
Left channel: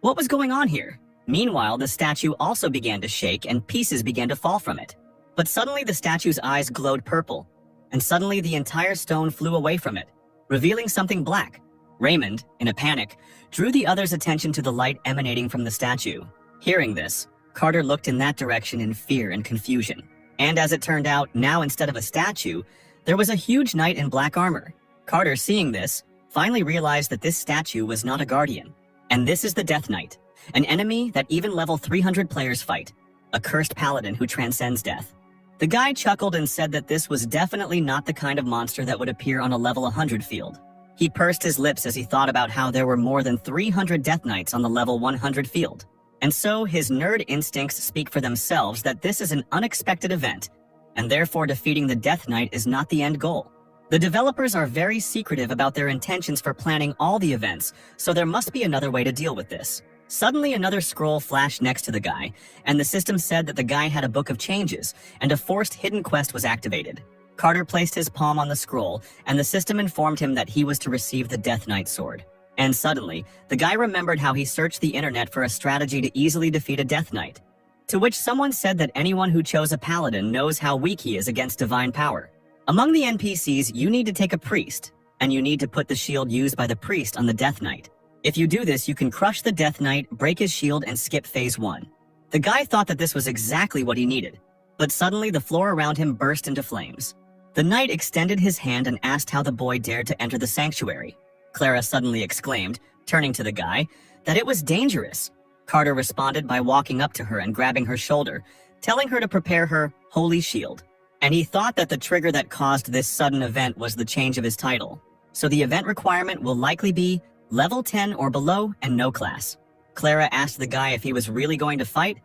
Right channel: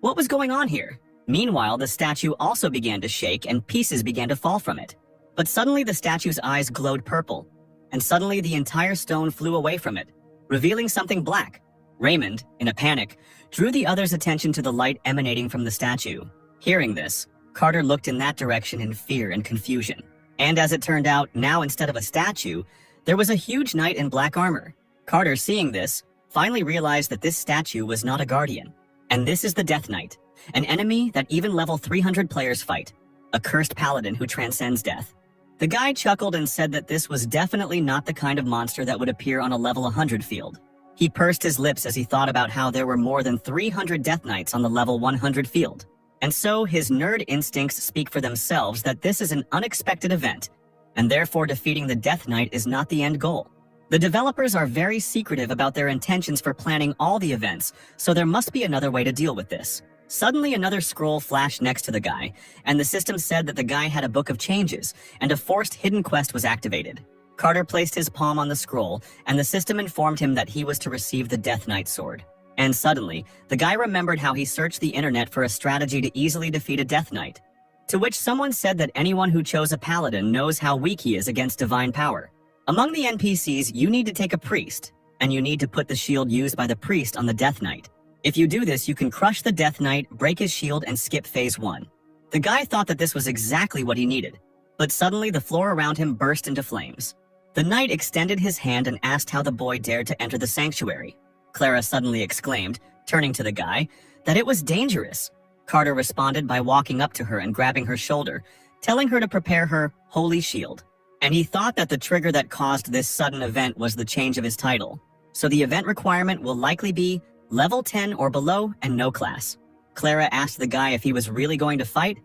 what was going on here? Meanwhile, the statue also began to shake and pieces began to fall from it. But suddenly the statue's eyes glowed purple, and suddenly the entire stone flew away from it, revealing something black. Raymond, in a panic, drew the others' attention to the light emanating from the statue. Hearing this, Carter looked in that direction in fear and confusion. And as it turned out, now instead of a statue, there was a huge knight in black armor. Carter, seeing this, finally realized that this statue was not a guardian. And this is the Death Knight, an enemy that even level 300 players fight, a cursed paladin who transcends death. The guy chuckled and said that this was definitely not the kind of monster that would appear on a level 100 field. He pursed his lips as he thought about how there were more than 300 Death Knights on the level 100 field. And so his nerd instincts speak for themselves that this is an unexpected event, and therefore defeating the Death Knight is not the end goal. The developers are very secretive about their intentions for planning all the events, so there must be another way to deal with this. Suddenly, another scroll flashed next to the guy, and the system said that the guy had a book of changes, and a forced hidden quest was activated. Carter placed his palm on the scroll, and the system informed him that he was to receive the Death Knight sword. And suddenly, the guy remembered how he searched the internet for a strategy to easily defeat a Death Knight. To which someone said that anyone who chose a paladin knows how weak he is against divine power. Among the NPCs, you need to take a priest, and you need to put the shield used by the priest on the Death Knight. If you do this, you can crush the Death Knight, break his shield, and skip phase 1. The guy thought that this was exactly what he needed, but suddenly the floor around him burst into flames. The knight extended his hand and asked how the boy dared to enter the sanctuary. Clara suddenly exclaimed, turning to the guy, that it was dangerous. Carter responded by walking up to her and grabbing her shoulder, telling her to prepare her holy shield. And he thought that the trigger that caused this sudden event was the change of his title. So the event requirement will likely be level 10 or below and no class. Clara asked the guy if he was really going to fight,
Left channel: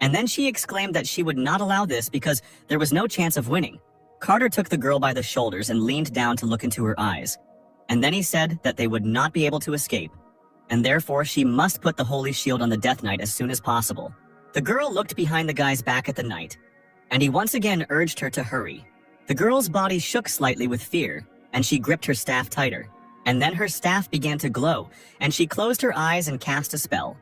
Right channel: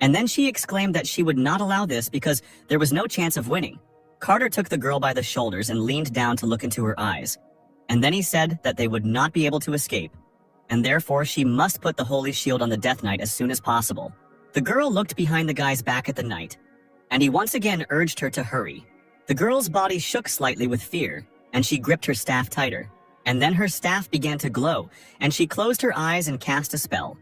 and then she exclaimed that she would not allow this because there was no chance of winning. Carter took the girl by the shoulders and leaned down to look into her eyes. And then he said that they would not be able to escape, and therefore she must put the holy shield on the Death Knight as soon as possible. The girl looked behind the guy's back at the knight, and he once again urged her to hurry. The girl's body shook slightly with fear, and she gripped her staff tighter. And then her staff began to glow, and she closed her eyes and cast a spell.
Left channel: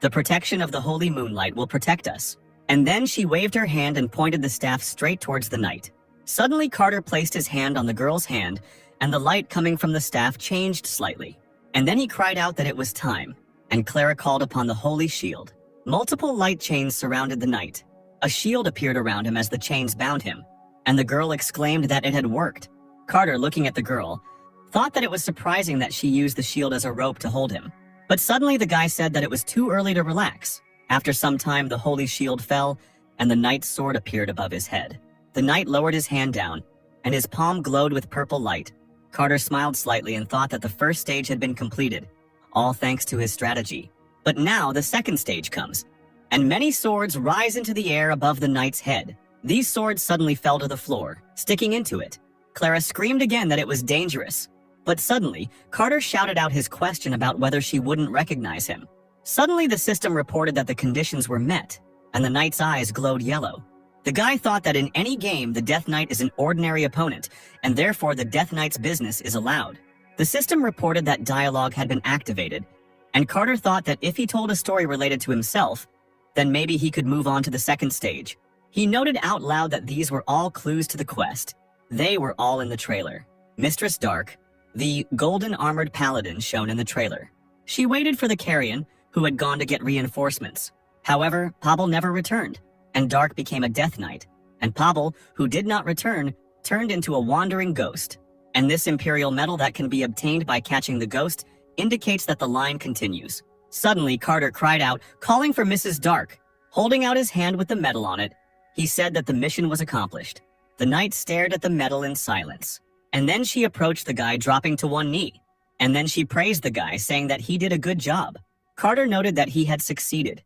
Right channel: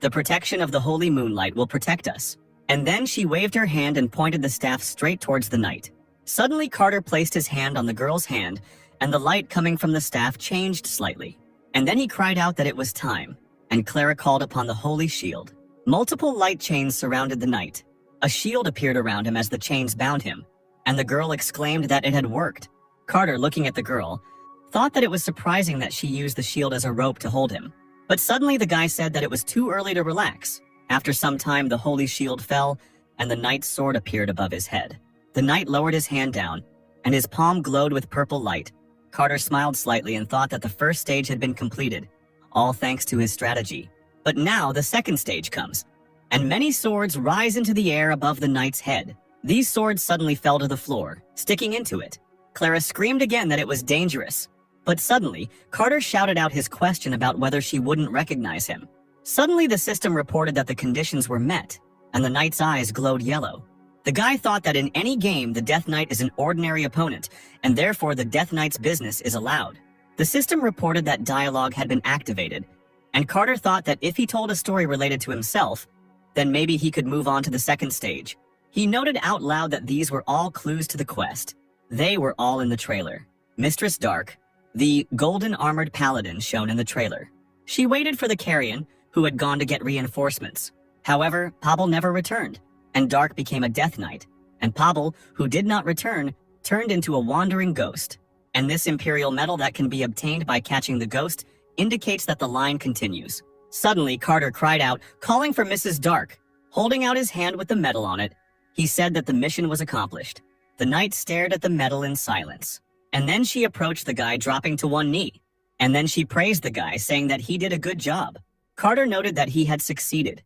The protection of the holy moonlight will protect us. And then she waved her hand and pointed the staff straight towards the knight. Suddenly Carter placed his hand on the girl's hand, and the light coming from the staff changed slightly. And then he cried out that it was time, and Clara called upon the holy shield. Multiple light chains surrounded the knight. A shield appeared around him as the chains bound him, and the girl exclaimed that it had worked. Carter, looking at the girl, thought that it was surprising that she used the shield as a rope to hold him. But suddenly the guy said that it was too early to relax. After some time, the holy shield fell, and the knight's sword appeared above his head. The knight lowered his hand down, and his palm glowed with purple light. Carter smiled slightly and thought that the first stage had been completed, all thanks to his strategy. But now the second stage comes, and many swords rise into the air above the knight's head. These swords suddenly fell to the floor, sticking into it. Clara screamed again that it was dangerous. But suddenly, Carter shouted out his question about whether she wouldn't recognize him. Suddenly, the system reported that the conditions were met, and the knight's eyes glowed yellow. The guy thought that in any game, the Death Knight is an ordinary opponent, and therefore the Death Knight's business is allowed. The system reported that dialogue had been activated, and Carter thought that if he told a story related to himself, then maybe he could move on to the second stage. He noted out loud that these were all clues to the quest. They were all in the trailer. Mistress Dark, the golden armored paladin shown in the trailer. She waited for the carrion, who had gone to get reinforcements. However, Pavel never returned, and Dark became a Death Knight, and Pavel, who did not return, turned into a wandering ghost. And this imperial medal that can be obtained by catching the ghost indicates that the line continues. Suddenly, Carter cried out, calling for Mrs. Dark. Holding out his hand with the medal on it, he said that the mission was accomplished. The knight stared at the medal in silence. And then she approached the guy, dropping to one knee. And then she praised the guy, saying that he did a good job. Carter noted that he had succeeded,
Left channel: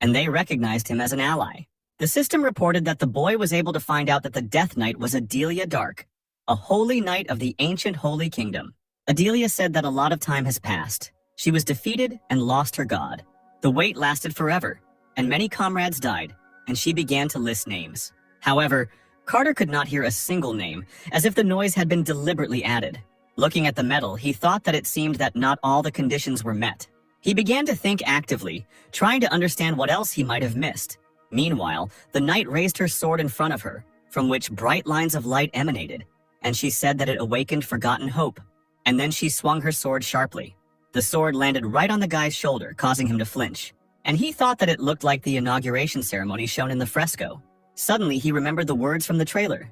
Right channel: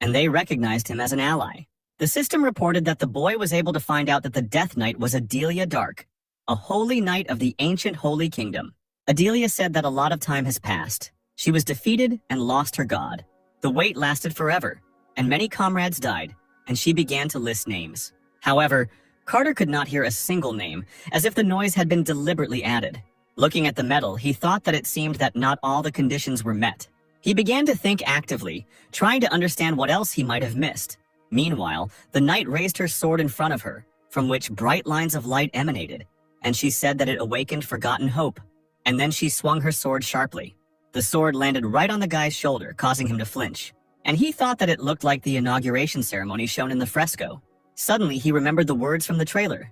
and they recognized him as an ally. The system reported that the boy was able to find out that the Death Knight was Adelia Dark, a holy knight of the ancient Holy Kingdom. Adelia said that a lot of time has passed. She was defeated and lost her god. The wait lasted forever, and many comrades died, and she began to list names. However, Carter could not hear a single name, as if the noise had been deliberately added. Looking at the medal, he thought that it seemed that not all the conditions were met. He began to think actively, trying to understand what else he might have missed. Meanwhile, the knight raised her sword in front of her, from which bright lines of light emanated, and she said that it awakened forgotten hope. And then she swung her sword sharply. The sword landed right on the guy's shoulder, causing him to flinch, and he thought that it looked like the inauguration ceremony shown in the fresco. Suddenly, he remembered the words from the trailer.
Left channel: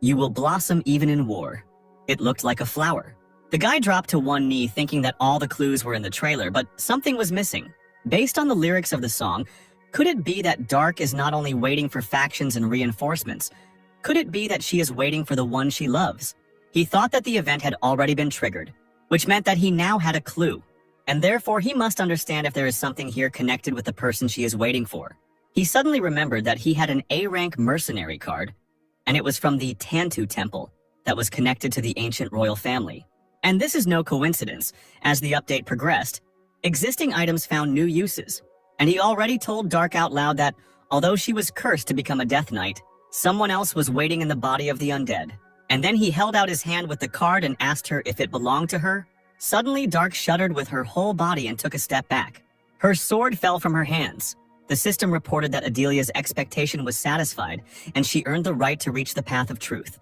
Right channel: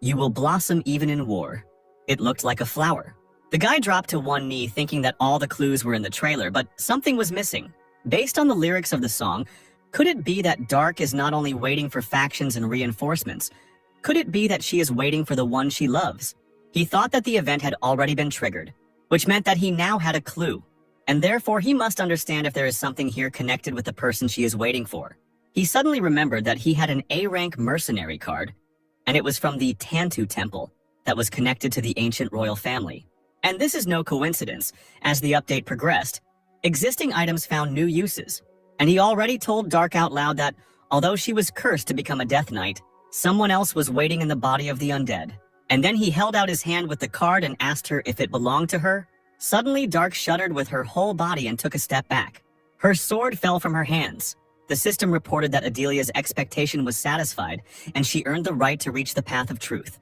"You will blossom even in war." It looked like a flower. The guy dropped to one knee, thinking that all the clues were in the trailer, but something was missing. Based on the lyrics of the song, could it be that Dark is not only waiting for factions and reinforcements? Could it be that she is waiting for the one she loves? He thought that the event had already been triggered, which meant that he now had a clue, and therefore he must understand if there is something here connected with the person she is waiting for. He suddenly remembered that he had an A-rank mercenary card, and it was from the Tantu Temple. that was connected to the ancient royal family. And this is no coincidence. As the update progressed, existing items found new uses, and he already told Dark out loud that, although she was cursed to become a Death Knight, someone else was waiting in the body of the undead. And then he held out his hand with the card and asked her if it belonged to her. Suddenly, Dark shuddered with her whole body and took a step back. Her sword fell from her hands. The system reported that Adelia's expectation was satisfied, and she earned the right to reach the path of truth.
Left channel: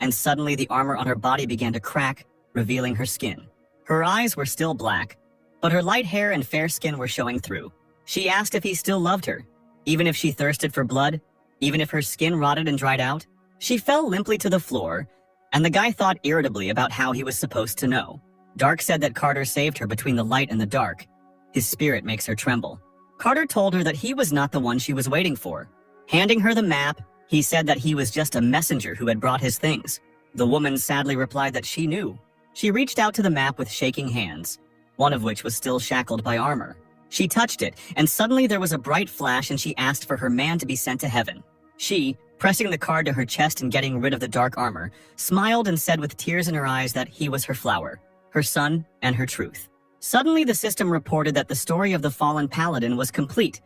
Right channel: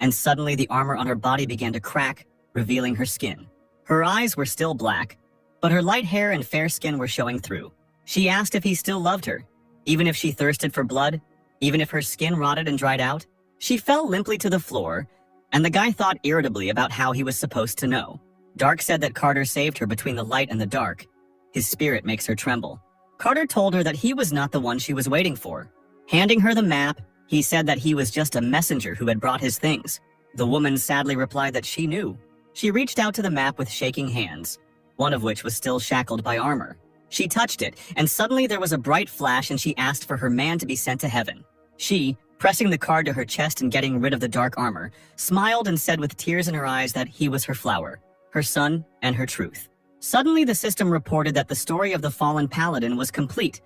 And suddenly, the armor on her body began to crack, revealing her skin. Her eyes were still black, but her light hair and fair skin were showing through. She asked if he still loved her, even if she thirsted for blood, even if her skin rotted and dried out. She fell limply to the floor, and the guy thought irritably about how he was supposed to know. Dark said that Carter saved her between the light and the dark. His spirit makes her tremble. Carter told her that he was not the one she was waiting for. Handing her the map, he said that he was just a messenger who had brought his things. The woman sadly replied that she knew. She reached out to the map with shaking hands, one of which was still shackled by armor. She touched it, and suddenly there was a bright flash and she asked for her man to be sent to heaven. She, pressing the card to her chest and getting rid of the dark armor, smiled and said with tears in her eyes that he was her flower, her son, and her truth. Suddenly the system reported that the story of the fallen paladin was complete,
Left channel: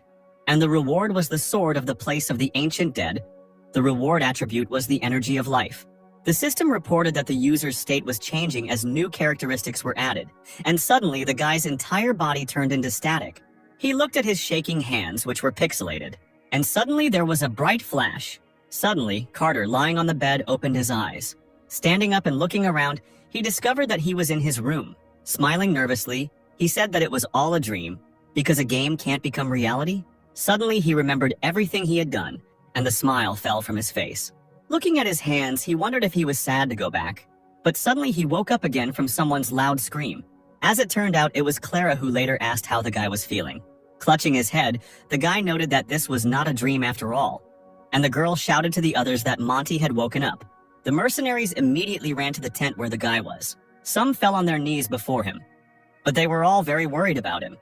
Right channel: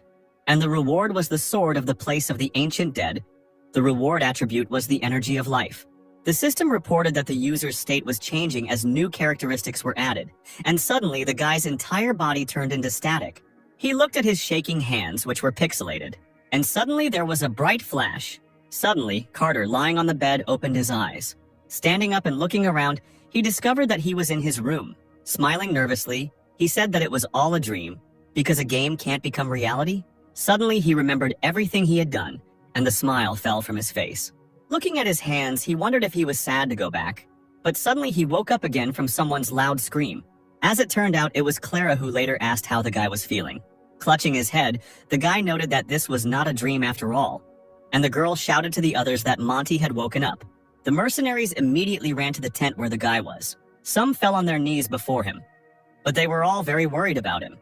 and the reward was the sword of the place of the ancient dead. The reward attribute was the energy of life. The system reported that the user's state was changing as new characteristics were added, and suddenly the guy's entire body turned into static. He looked at his shaking hands, which were pixelated, and suddenly there was a bright flash. Suddenly, Carter, lying on the bed, opened his eyes. Standing up and looking around, he discovered that he was in his room. Smiling nervously, he said that it was all a dream, because a game can't become reality. Suddenly, he remembered everything he had done, and the smile fell from his face. Looking at his hands, he wondered if he was sad to go back. But suddenly, he woke up again from someone's loud scream. As it turned out, it was Clara who later asked how the guy was feeling. Clutching his head, the guy noted that this was not a dream after all, and the girl shouted to the others that Monty had woken up. The mercenaries immediately ran to the tent where the guy was. Some fell on their knees before him, but they were all very worried about him,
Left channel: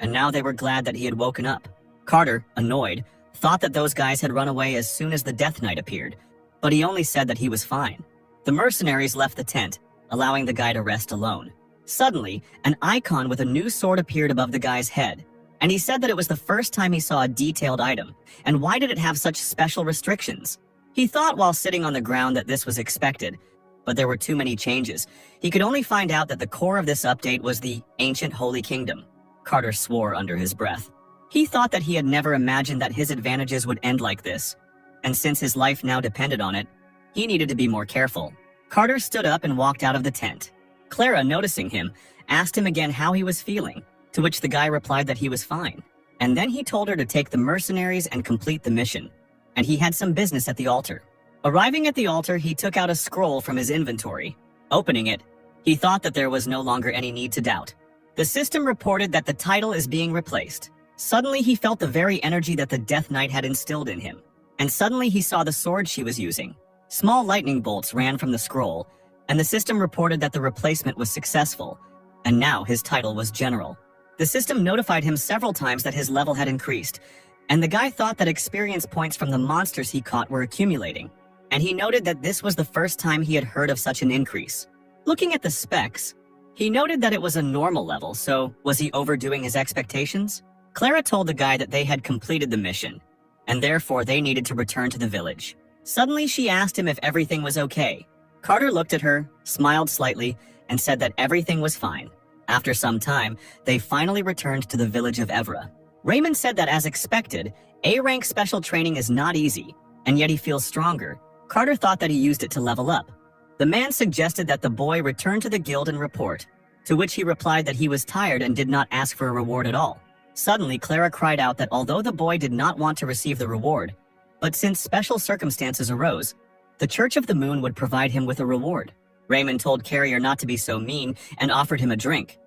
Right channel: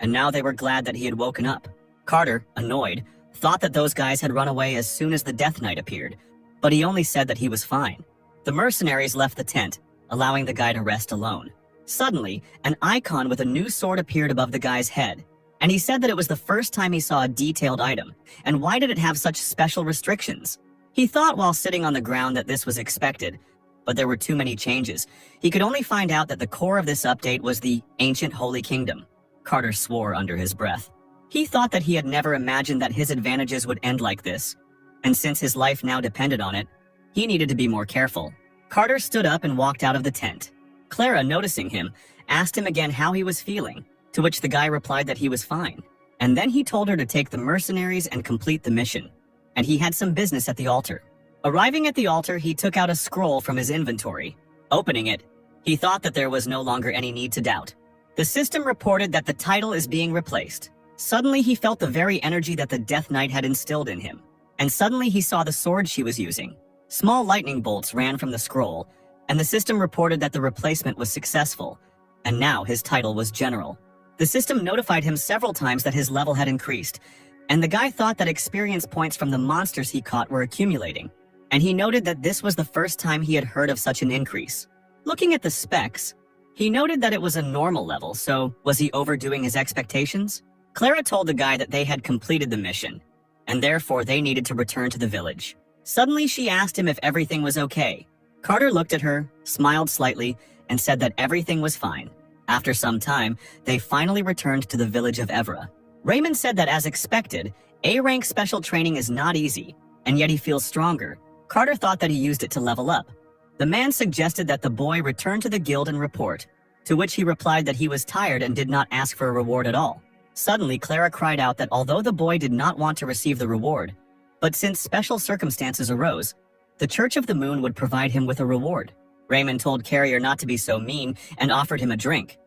and now they were glad that he had woken up. Carter, annoyed, thought that those guys had run away as soon as the Death Knight appeared, but he only said that he was fine. The mercenaries left the tent, allowing the guy to rest alone. Suddenly, an icon with a new sword appeared above the guy's head, and he said that it was the first time he saw a detailed item, and why did it have such special restrictions? He thought while sitting on the ground that this was expected, but there were too many changes. He could only find out that the core of this update was the ancient Holy Kingdom. Carter swore under his breath. He thought that he had never imagined that his advantages would end like this, and since his life now depended on it, he needed to be more careful. Carter stood up and walked out of the tent. Clara, noticing him, asked him again how he was feeling, to which the guy replied that he was fine. And then he told her to take the mercenaries and complete the mission, and he had some business at the altar. Arriving at the altar, he took out a scroll from his inventory. Opening it, he thought that there was no longer any need to doubt. The system reported that the title is being replaced. Suddenly, he felt the very energy that the Death Knight had instilled in him, and suddenly he saw the sword she was using. Small lightning bolts ran from the scroll, and the system reported that the replacement was successful, and now his title was General. The system notified him several times that his level had increased, and the guy thought that experience points from the monsters he caught were accumulating, and he noted that this was the first time he had heard of such an increase. Looking at the specs, he noted that it was a normal level, so was he overdoing his expectations? Clara told the guy that they had completed the mission, and therefore they needed to return to the village. Suddenly, she asked him if everything was okay. Carter looked at her, smiled slightly, and said that everything was fine. After some time, they finally returned to the village of Evra. Raymond said that as expected, A-rank special training is not easy, and yet he feels stronger. Carter thought that he used it to level up. The man suggested that the boy return to the guild and report, to which he replied that he was tired and did not ask for a reward at all. Suddenly, Clara cried out that although the boy did not want to receive the reward, but since special circumstances arose, the Church of the Moon would provide him with a reward. Raymond told Carrier not to be so mean and offered him a drink.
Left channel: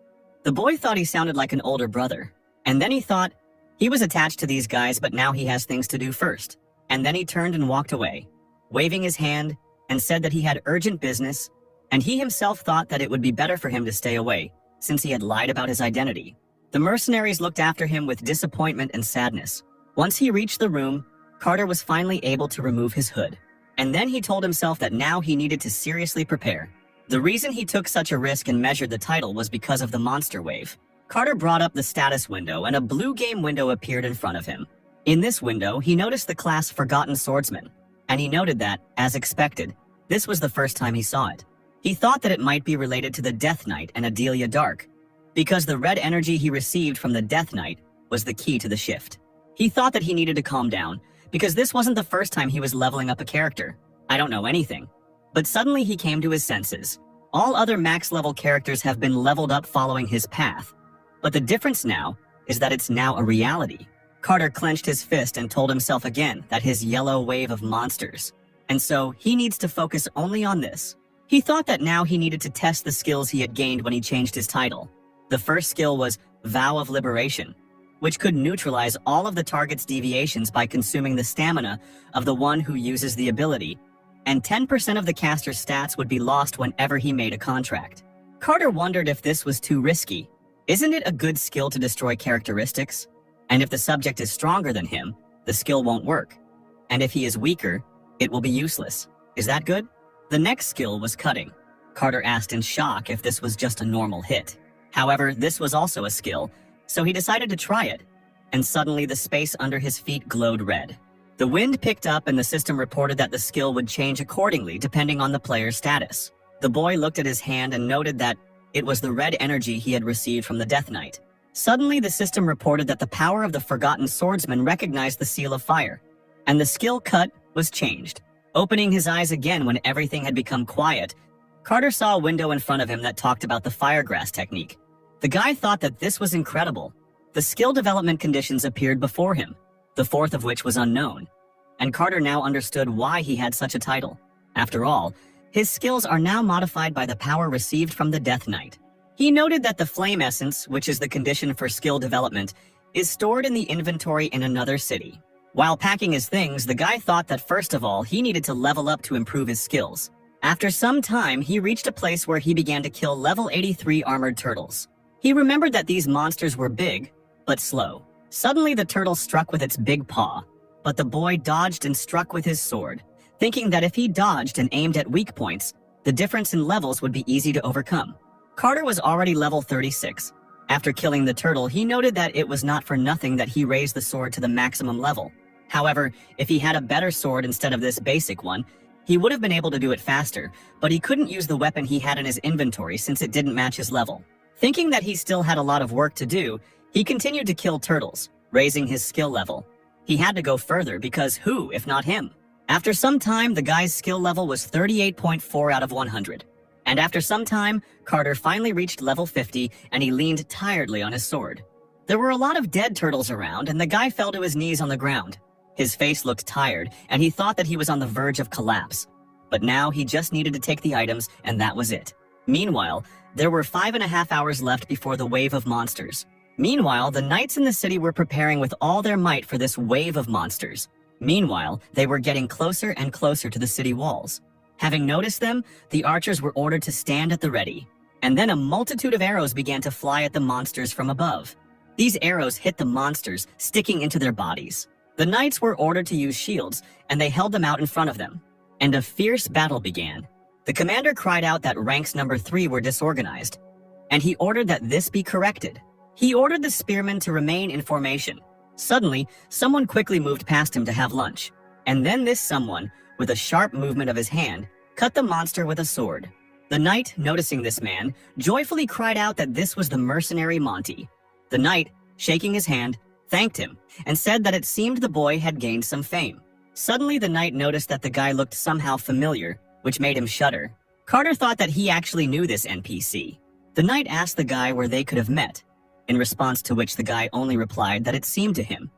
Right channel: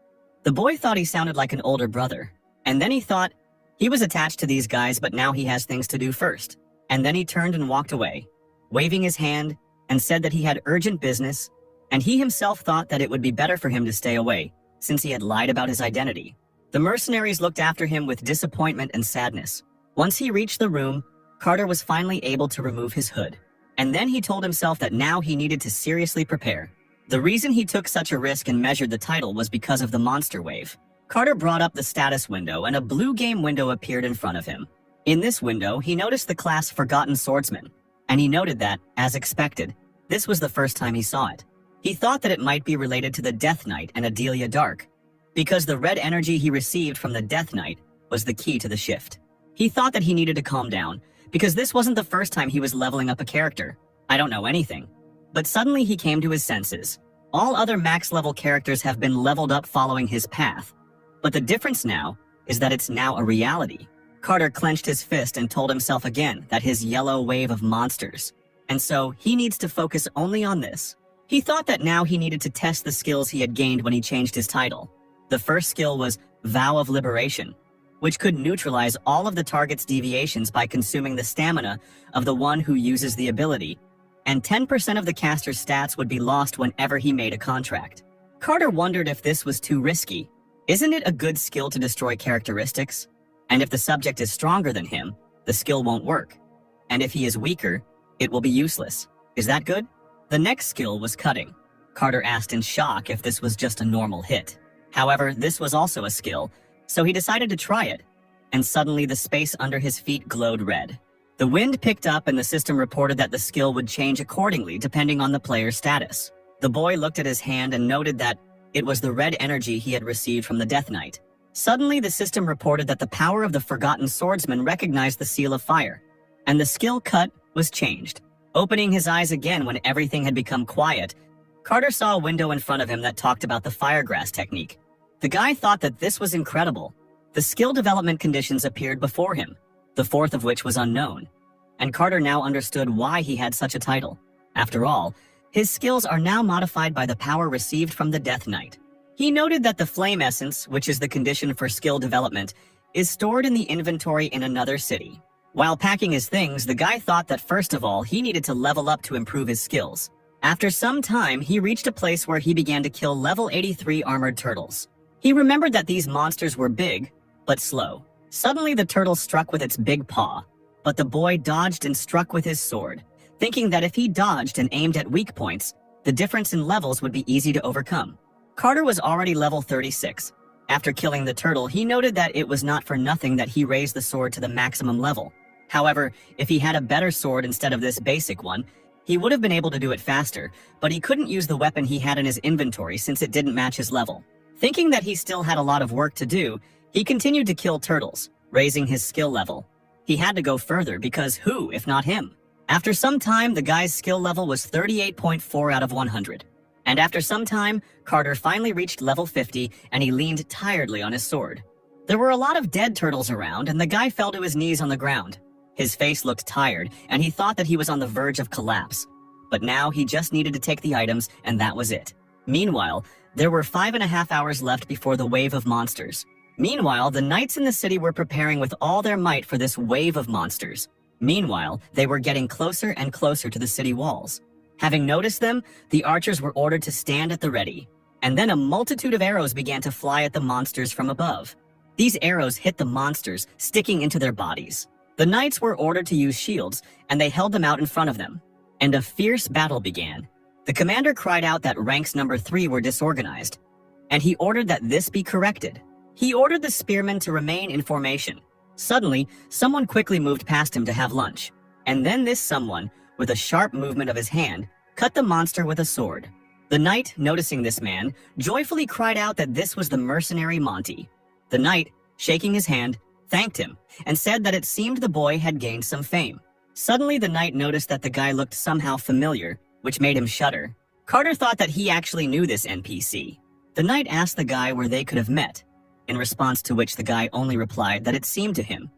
The boy thought he sounded like an older brother, and then he thought he was attached to these guys, but now he has things to do first. And then he turned and walked away, waving his hand, and said that he had urgent business, and he himself thought that it would be better for him to stay away, since he had lied about his identity. The mercenaries looked after him with disappointment and sadness. Once he reached the room, Carter was finally able to remove his hood, And then he told himself that now he needed to seriously prepare. The reason he took such a risk and measured the title was because of the monster wave. Carter brought up the status window and a blue game window appeared in front of him. In this window, he noticed the class Forgotten Swordsman, and he noted that, as expected, this was the first time he saw it. He thought that it might be related to the Death Knight and Adelia Dark, because the red energy he received from the Death Knight was the key to the shift. He thought that he needed to calm down, because this wasn't the first time he was leveling up a character. I don't know anything. But suddenly he came to his senses. All other max-level characters have been leveled up following his path. But the difference now is that it's now a reality. Carter clenched his fist and told himself again that his yellow wave of monsters. And so he needs to focus only on this. He thought that now he needed to test the skills he had gained when he changed his title. The first skill was Vow of Liberation, which could neutralize all of the target's deviations by consuming the stamina of the one who uses the ability, and 10% of the caster's stats would be lost whenever he made a contract. Carter wondered if this was too risky. Isn't it a good skill to destroy characteristics? And if the subject is stronger than him, the skill won't work. And if he is weaker, it will be useless. Is that good? The next skill was Cutting. Carter asked in shock if this was just a normal hit. However, this was also a skill, so he decided to try it. And suddenly the space under his feet glowed red. The wind picked up and the system reported that the skill would change accordingly depending on the player's status. The boy looked at his hand and noted that it was the red energy he had received from the Death Knight. Suddenly, the system reported that the power of the Forgotten Swordsman recognized the Seal of Fire, and the skill cut was changed. Opening his eyes again when everything had become quiet, Carter saw a window in front of him that talked about the Firegrass technique. The guy thought that this was incredible. The skill development conditions appeared before him, the fourth of which was unknown, and Carter now understood why he had such a title. After all, his skills are now modified by the power received from the Death Knight. He noted that the Flame Essence, which is the condition for skill development, is stored in the inventory in another city. While packing his things, the guy thought that first of all, he needed to level up to improve his skills. After some time, he reached a place where he began to kill level 83 armored turtles. He remembered that these monsters were big, but slow. Suddenly, the turtle struck with its big paw, but the boy dodged and struck with his sword, thinking that if he dodged and aimed at weak points, the difference in levels would be easy to overcome. Carter was already level 36. After killing the turtle, he noted that it was not for nothing that he raised the sword to the maximum level. However, if he had a better sword instead of this basic one, he would have been able to do it faster, but he couldn't use the weapon he had in his inventory since it didn't match his level. Thinking that he still had a lot of work to do, he continued to kill turtles, raising his skill level. He had to go further because who, if not him? After some time, the guy's skill level was 38.4 out of 100. And after some time, Carter finally reached level 50 and he leaned tiredly on his sword. There were a lot of dead turtles around and the guy fell to his knees on the ground. His face looked tired and he thought that he was on the verge of collapse. But now he just needed to take the items and that was it. Meanwhile, there were 5.5 hours left before the wave of monsters. Meanwhile, the knights in the city were preparing with all their might for this wave of monsters. Meanwhile, they were getting closer and closer to the city walls. Having noticed them, the archers were ordered to stand at the ready. And then a multitude of arrows began to fly at the monsters from above. These arrows hit the monsters, sticking into their bodies. The knights were ordered to use shields, and they held them out in front of them. And a fierce battle began. The commander cried out that ranks number 3 were disorganized, and he ordered that this be corrected. He ordered the spearmen to remain in formation. Suddenly, someone quickly moved past him to have lunch, and then this someone, with a sharp movement of his hand, cut the monster with a sword. The knight, noticing this man, joyfully cried out that this was the mercenary Monty. The knight, shaking his hand, thanked him, and said that it seemed the boy had gained some fame. Suddenly, the knight noticed that the guy looked somehow familiar, which made him shudder. Carter thought that he actually knew this NPC. The knight asked the guy where they could have met, in response to which the guy only replied that it seemed to him,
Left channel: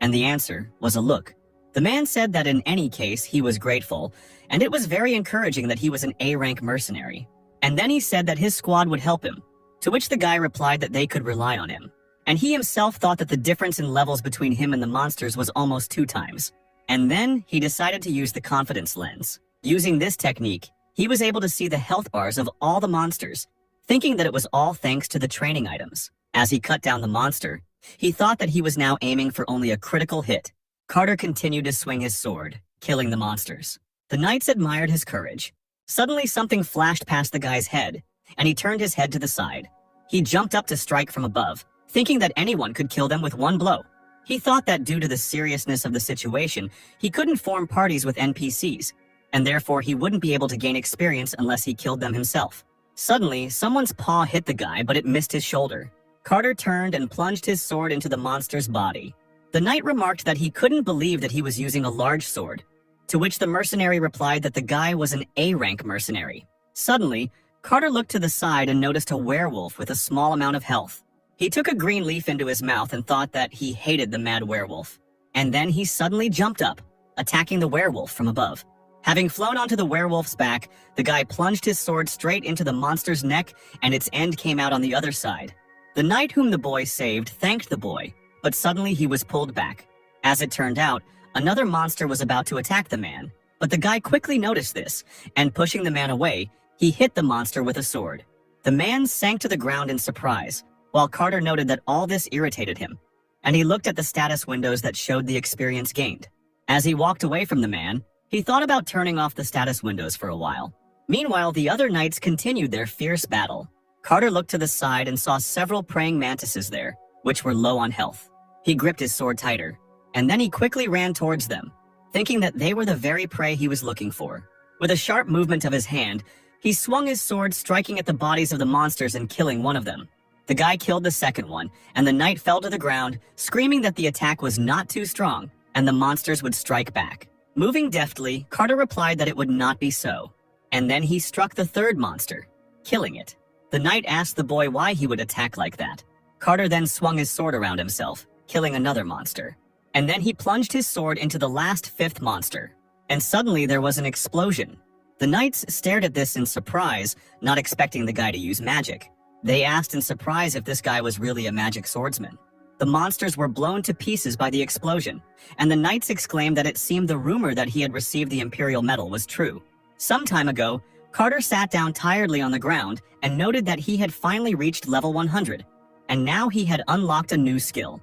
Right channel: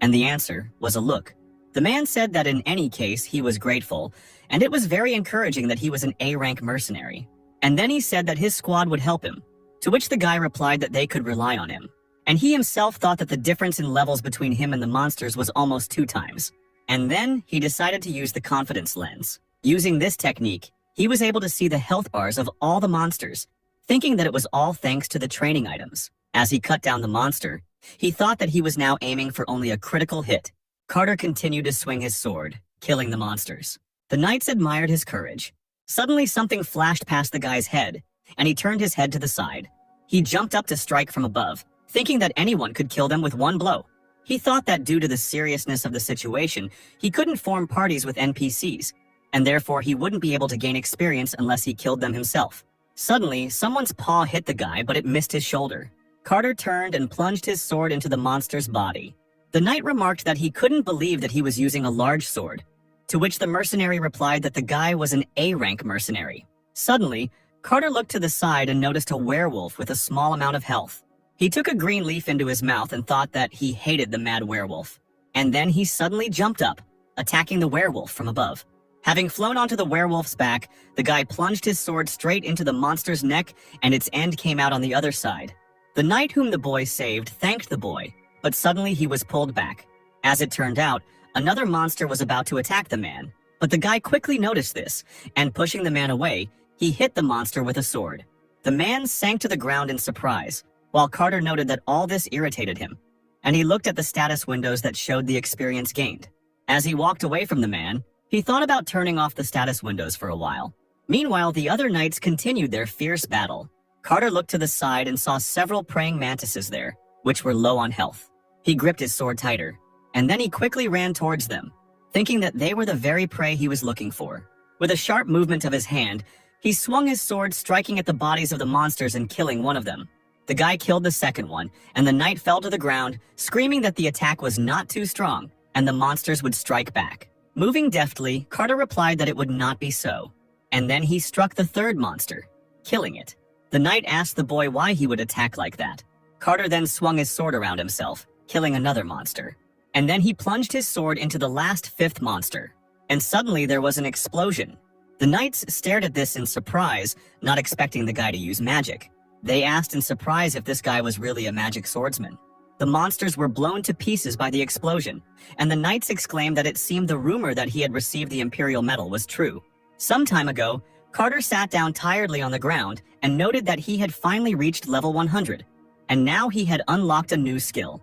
and the answer was a look. The man said that in any case he was grateful, and it was very encouraging that he was an A-rank mercenary. And then he said that his squad would help him, to which the guy replied that they could rely on him. And he himself thought that the difference in levels between him and the monsters was almost 2 times. And then he decided to use the confidence lens. Using this technique, he was able to see the health bars of all the monsters, thinking that it was all thanks to the training items. As he cut down the monster, he thought that he was now aiming for only a critical hit. Carter continued to swing his sword, killing the monsters. The knights admired his courage. Suddenly something flashed past the guy's head, and he turned his head to the side. He jumped up to strike from above, thinking that anyone could kill them with one blow. He thought that due to the seriousness of the situation, he couldn't form parties with NPCs, and therefore he wouldn't be able to gain experience unless he killed them himself. Suddenly, someone's paw hit the guy, but it missed his shoulder. Carter turned and plunged his sword into the monster's body. The knight remarked that he couldn't believe that he was using a large sword, to which the mercenary replied that the guy was an A-rank mercenary. Suddenly, Carter looked to the side and noticed a werewolf with a small amount of health. He took a green leaf into his mouth and thought that he hated the mad werewolf. And then he suddenly jumped up, attacking the werewolf from above. Having flown onto the werewolf's back, the guy plunged his sword straight into the monster's neck, and its end came out on the other side. The knight whom the boy saved thanked the boy, but suddenly he was pulled back. As it turned out, another monster was about to attack the man, but the guy quickly noticed this, and pushing the man away, he hit the monster with a sword. The man sank to the ground in surprise, while Carter noted that all this irritated him, and he looked at the status windows that showed the experience gained. As he walked away from the man, he thought about turning off the status windows for a while. Meanwhile, the other knights continued their fierce battle. Carter looked to the side and saw several praying mantises there, which were low on health. He gripped his sword tighter, and then he quickly ran towards them, thinking that they were the very prey he was looking for. With a sharp movement of his hand, he swung his sword, striking at the bodies of the monsters and killing one of them. The guy killed the second one, and the knight fell to the ground, screaming that the attack was not too strong, and the monsters would strike back. Moving deftly, Carter replied that it would not be so. And then he struck the third monster, killing it. The knight asked the boy why he would attack like that. Carter then swung his sword around himself, killing another monster. And then he plunged his sword into the last fifth monster. And suddenly there was an explosion. The knights stared at this in surprise, not expecting the guy to use magic. They asked in surprise if this guy was really a magic swordsman. The monsters were blown to pieces by the explosion, and the knights exclaimed that it seemed the rumor that he had received the Imperial Medal was true. Some time ago, Carter sat down tiredly on the ground and noted that he had finally reached level 100, and now he had unlocked a new skill.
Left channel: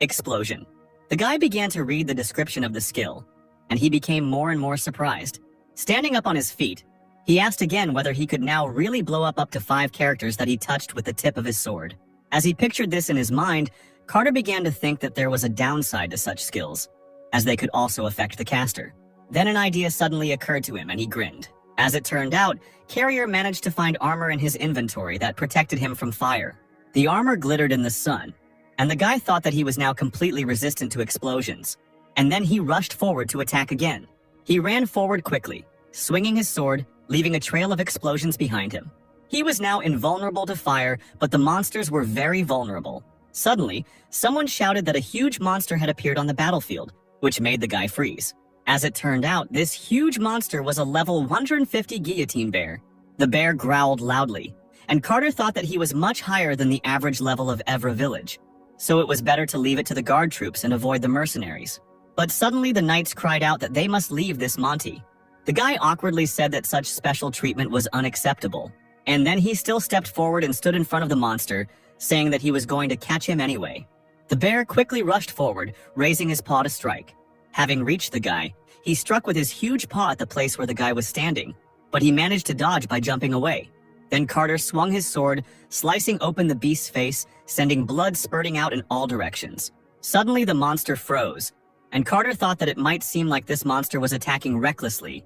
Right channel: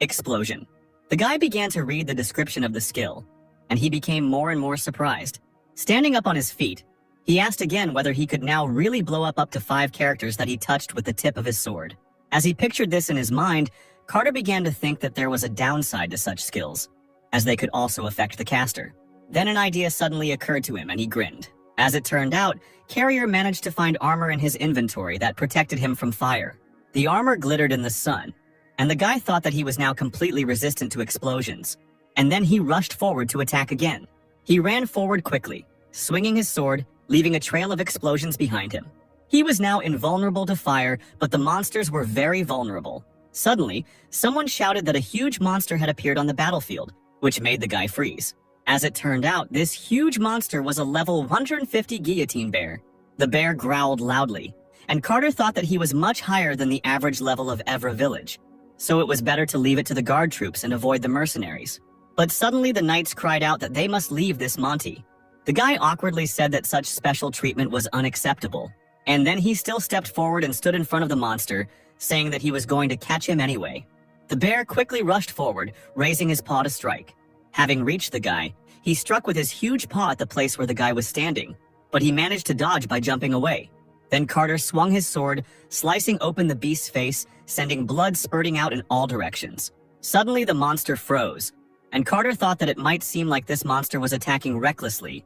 Explosion. The guy began to read the description of the skill, and he became more and more surprised. Standing up on his feet, he asked again whether he could now really blow up to 5 characters that he touched with the tip of his sword. As he pictured this in his mind, Carter began to think that there was a downside to such skills, as they could also affect the caster. Then an idea suddenly occurred to him and he grinned. As it turned out, Carrier managed to find armor in his inventory that protected him from fire. The armor glittered in the sun, and the guy thought that he was now completely resistant to explosions. And then he rushed forward to attack again. He ran forward quickly, swinging his sword, leaving a trail of explosions behind him. He was now invulnerable to fire, but the monsters were very vulnerable. Suddenly, someone shouted that a huge monster had appeared on the battlefield, which made the guy freeze. As it turned out, this huge monster was a level 150 guillotine bear. The bear growled loudly, and Carter thought that he was much higher than the average level of Evra village, so it was better to leave it to the guard troops and avoid the mercenaries. But suddenly the knights cried out that they must leave this Monty. The guy awkwardly said that such special treatment was unacceptable, and then he still stepped forward and stood in front of the monster, saying that he was going to catch him anyway. The bear quickly rushed forward, raising his paw to strike. Having reached the guy, he struck with his huge paw at the place where the guy was standing, but he managed to dodge by jumping away. Then Carter swung his sword, slicing open the beast's face, sending blood spurting out in all directions. Suddenly the monster froze, and Carter thought that it might seem like this monster was attacking recklessly,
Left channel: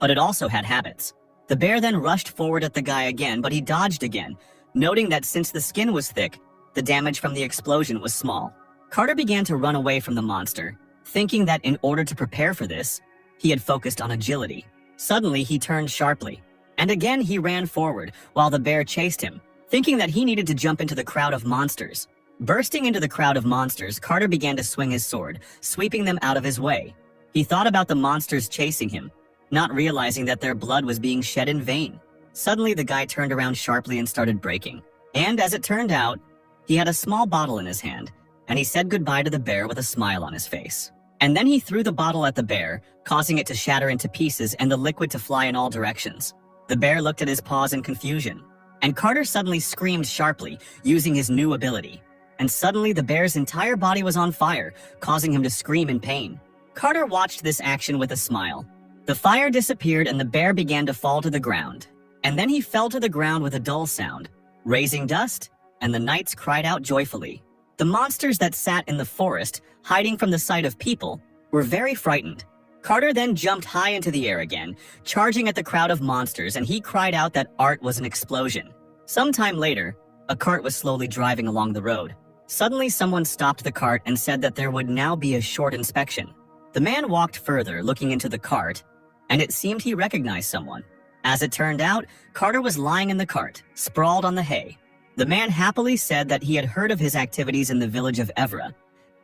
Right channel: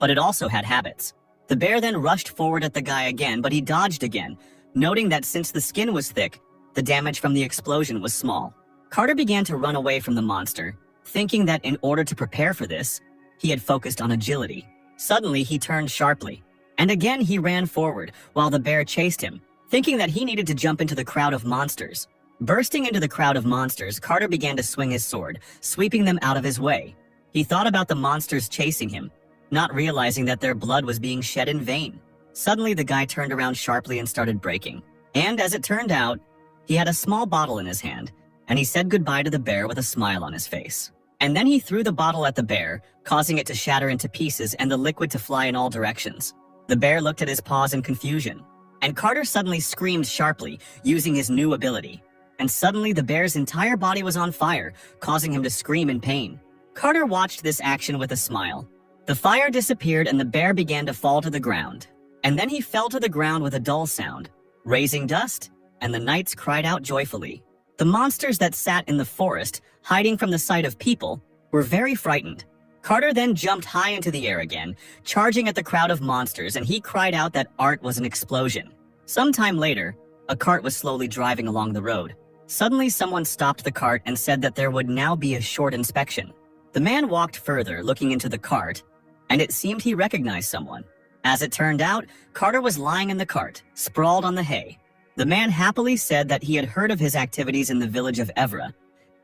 but it also had habits. The bear then rushed forward at the guy again, but he dodged again, noting that since the skin was thick, the damage from the explosion was small. Carter began to run away from the monster, thinking that in order to prepare for this, he had focused on agility. Suddenly, he turned sharply, and again he ran forward while the bear chased him, thinking that he needed to jump into the crowd of monsters. Bursting into the crowd of monsters, Carter began to swing his sword, sweeping them out of his way. He thought about the monsters chasing him, not realizing that their blood was being shed in vain. Suddenly, the guy turned around sharply and started braking. And as it turned out, he had a small bottle in his hand, and he said goodbye to the bear with a smile on his face. And then he threw the bottle at the bear, causing it to shatter into pieces and the liquid to fly in all directions. The bear looked at his paws in confusion, and Carter suddenly screamed sharply, using his new ability. And suddenly the bear's entire body was on fire, causing him to scream in pain. Carter watched this action with a smile. The fire disappeared and the bear began to fall to the ground. And then he fell to the ground with a dull sound, raising dust, and the knights cried out joyfully. The monsters that sat in the forest, hiding from the sight of people, were very frightened. Carter then jumped high into the air again, charging at the crowd of monsters, and he cried out that art was an explosion. Sometime later, a cart was slowly driving along the road. Suddenly, someone stopped the cart and said that there would now be a short inspection. The man walked further, looking into the cart, and it seemed he recognized someone. As it turned out, Carter was lying in the cart, sprawled on the hay. The man happily said that he had heard of his activities in the village of Evra,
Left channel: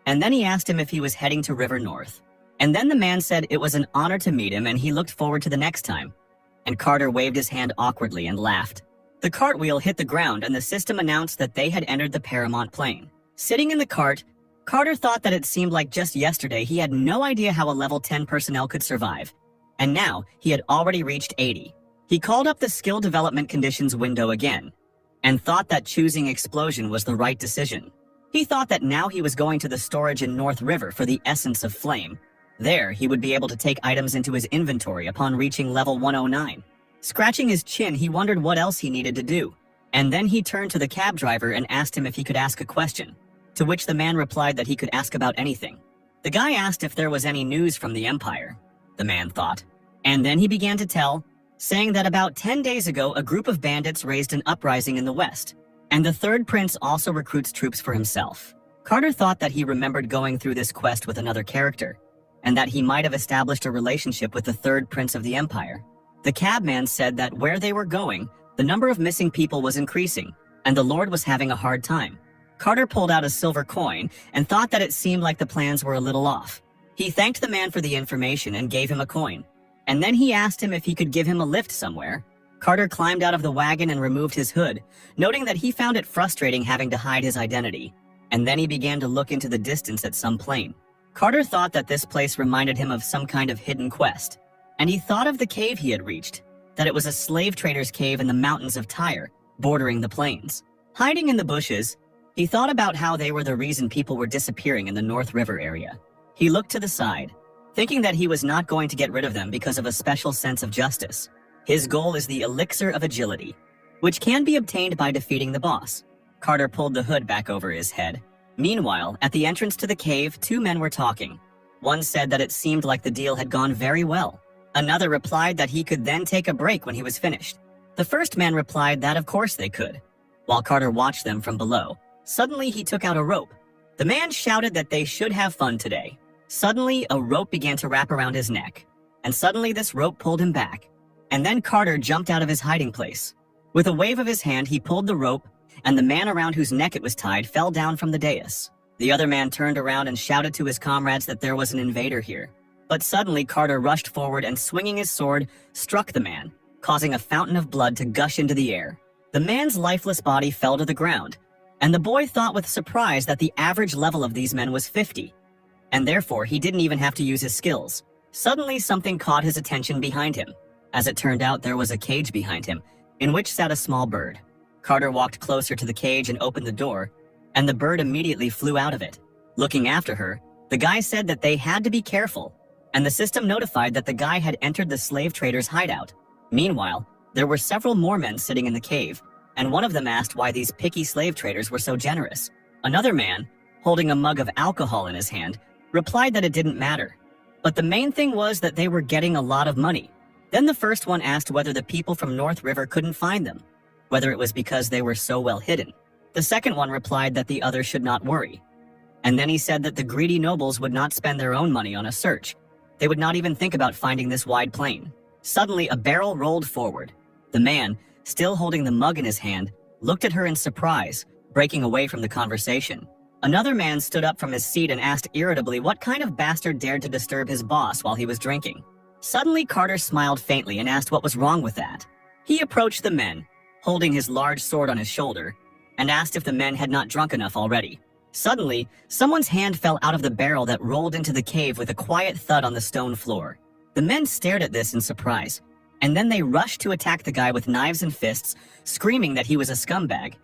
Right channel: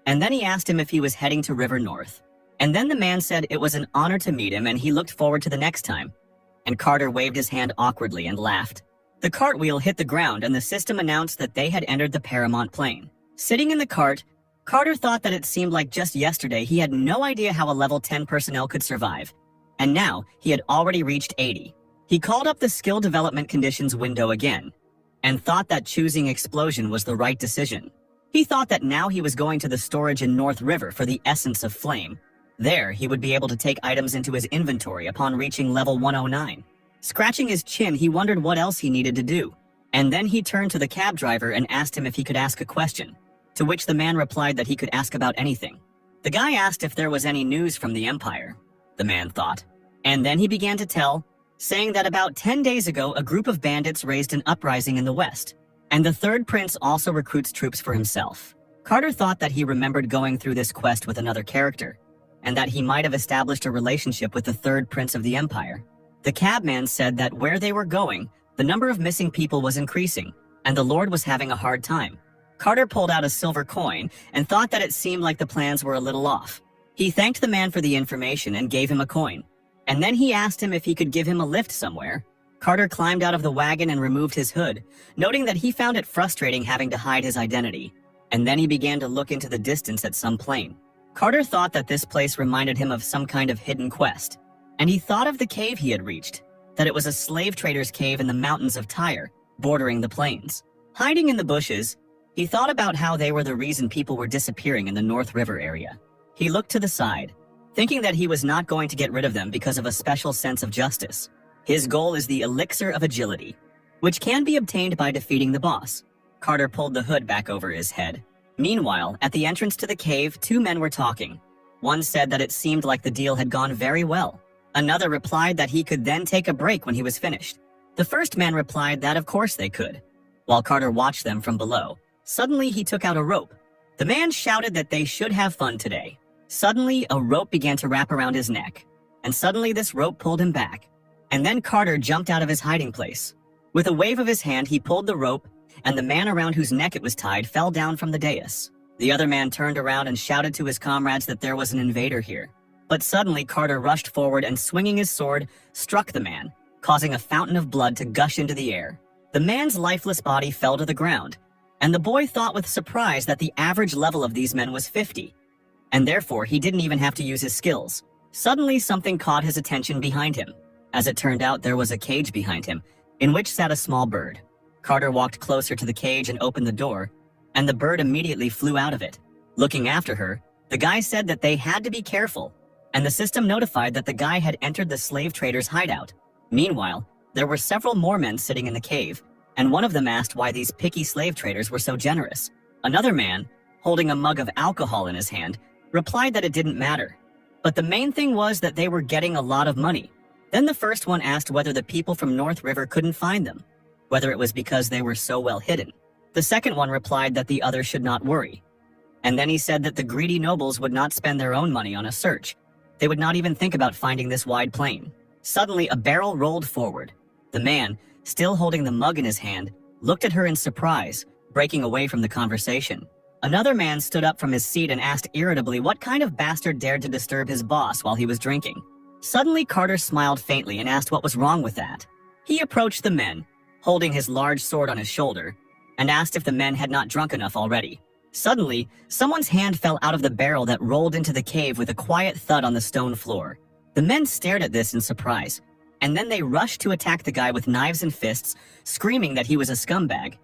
and then he asked him if he was heading to River North. And then the man said it was an honor to meet him and he looked forward to the next time. And Carter waved his hand awkwardly and laughed. The cartwheel hit the ground and the system announced that they had entered the Paramount Plane. Sitting in the cart, Carter thought that it seemed like just yesterday he had no idea how a level 10 personnel could survive. And now he had already reached 80. He called up the skill development conditions window again, and thought that choosing explosion was the right decision. He thought that now he was going to the storage in North River for the essence of flame. There, he would be able to take items into his inventory upon reaching level 109. Scratching his chin, he wondered what else he needed to do. And then he turned to the cab driver and asked him if he could ask a question, to which the man replied that he could ask about anything. The guy asked if there was any news from the Empire, the man thought. And then he began to tell, saying that about 10 days ago, a group of bandits raised an uprising in the west, and the third prince also recruits troops for himself. Carter thought that he remembered going through this quest with another character, and that he might have established a relationship with the third prince of the empire. The cabman said that where they were going, the number of missing people was increasing, and the Lord was having a hard time. Carter pulled out a silver coin and thought that it seemed like the plans were a little off. He thanked the man for the information and gave him a coin, and then he asked him if he could give him a lift somewhere. Carter climbed out of the wagon and removed his hood, noting that he found it frustrating having to hide his identity, and then he began to look into the distance at some plane. Carter thought that this place reminded him of some kind of hidden quest, and he thought of the cave he had reached, that it was a slave trader's cave in the mountains of Tyre, bordering the plains. Hiding in the bushes, he thought about how they were the reason people were disappearing in the North River area. He looked to the side, thinking that he was not going to get rid of them because of a special sense of justice. His goal is the elixir of agility, which can be obtained by defeating the boss. Carter pulled the hood back over his head. Meanwhile, at the entrance to the cave, two men were talking. One said that it seemed like the deal had gone very well. Another replied that he could then take a break when he was finished. The first man replied that of course they could, while Carter watched them from below. Suddenly, he took out a rope. The man shouted that they should have fun today. Suddenly, a rope began to wrap around his neck, and suddenly this rope pulled him back. And then Carter jumped out of his hiding place. With a wave of his hand, he pulled the rope, and the man around whose neck it was tied fell down from the dais. The other man turned around and shouted to his comrades that there was an invader here. But suddenly, Carter rushed forward and, swinging his sword, struck the man, causing a fountain of blood to gush into the air. The man's lifeless body fell to the ground, and the boy thought with surprise that the average level of these men was 50, and therefore he didn't even have to use his skills. Suddenly, something caught his attention behind him. As it turned out, there was a cage behind him, in which sat a small bird. Carter walked closer to the cage and opened the door, and the bird immediately flew out of it. Looking after her, the guy said that they had to be careful, and the system notified that the guy had entered the slave trader's hideout. Meanwhile, there were several more men sitting in the cave, and one of them asked why these picky slave traders were so generous. Another man, holding a mug of alcohol in his hand, replied that it didn't matter, but the main thing was that they were getting a lot of money. Then the first one asked whether the people from North River couldn't find them, whether it was because they were so well hidden. The second one replied that the other should not worry. And then he said that the greedy nobles would not spend their own money on a search. They would not even think about finding this wide plain. Suddenly, a barrel rolled forward. The man, still holding the mug in his hand, looked at her in surprise, breaking away from the conversation. Another man stood up from his seat and asked irritably what kind of bastard dared to disturb his boss while he was drinking. Suddenly, Carter smiled faintly and asked what was wrong with that. He approached the men, holding his large sword on his shoulder, and asked if the men had not drunk enough already. Suddenly, someone's hand fell out of the barrel that rolled into the cave with a quiet thud on the stone floor. The men stared at this in surprise, and then they rushed to attack the guy with knives and fists, screaming that he was a scumbag.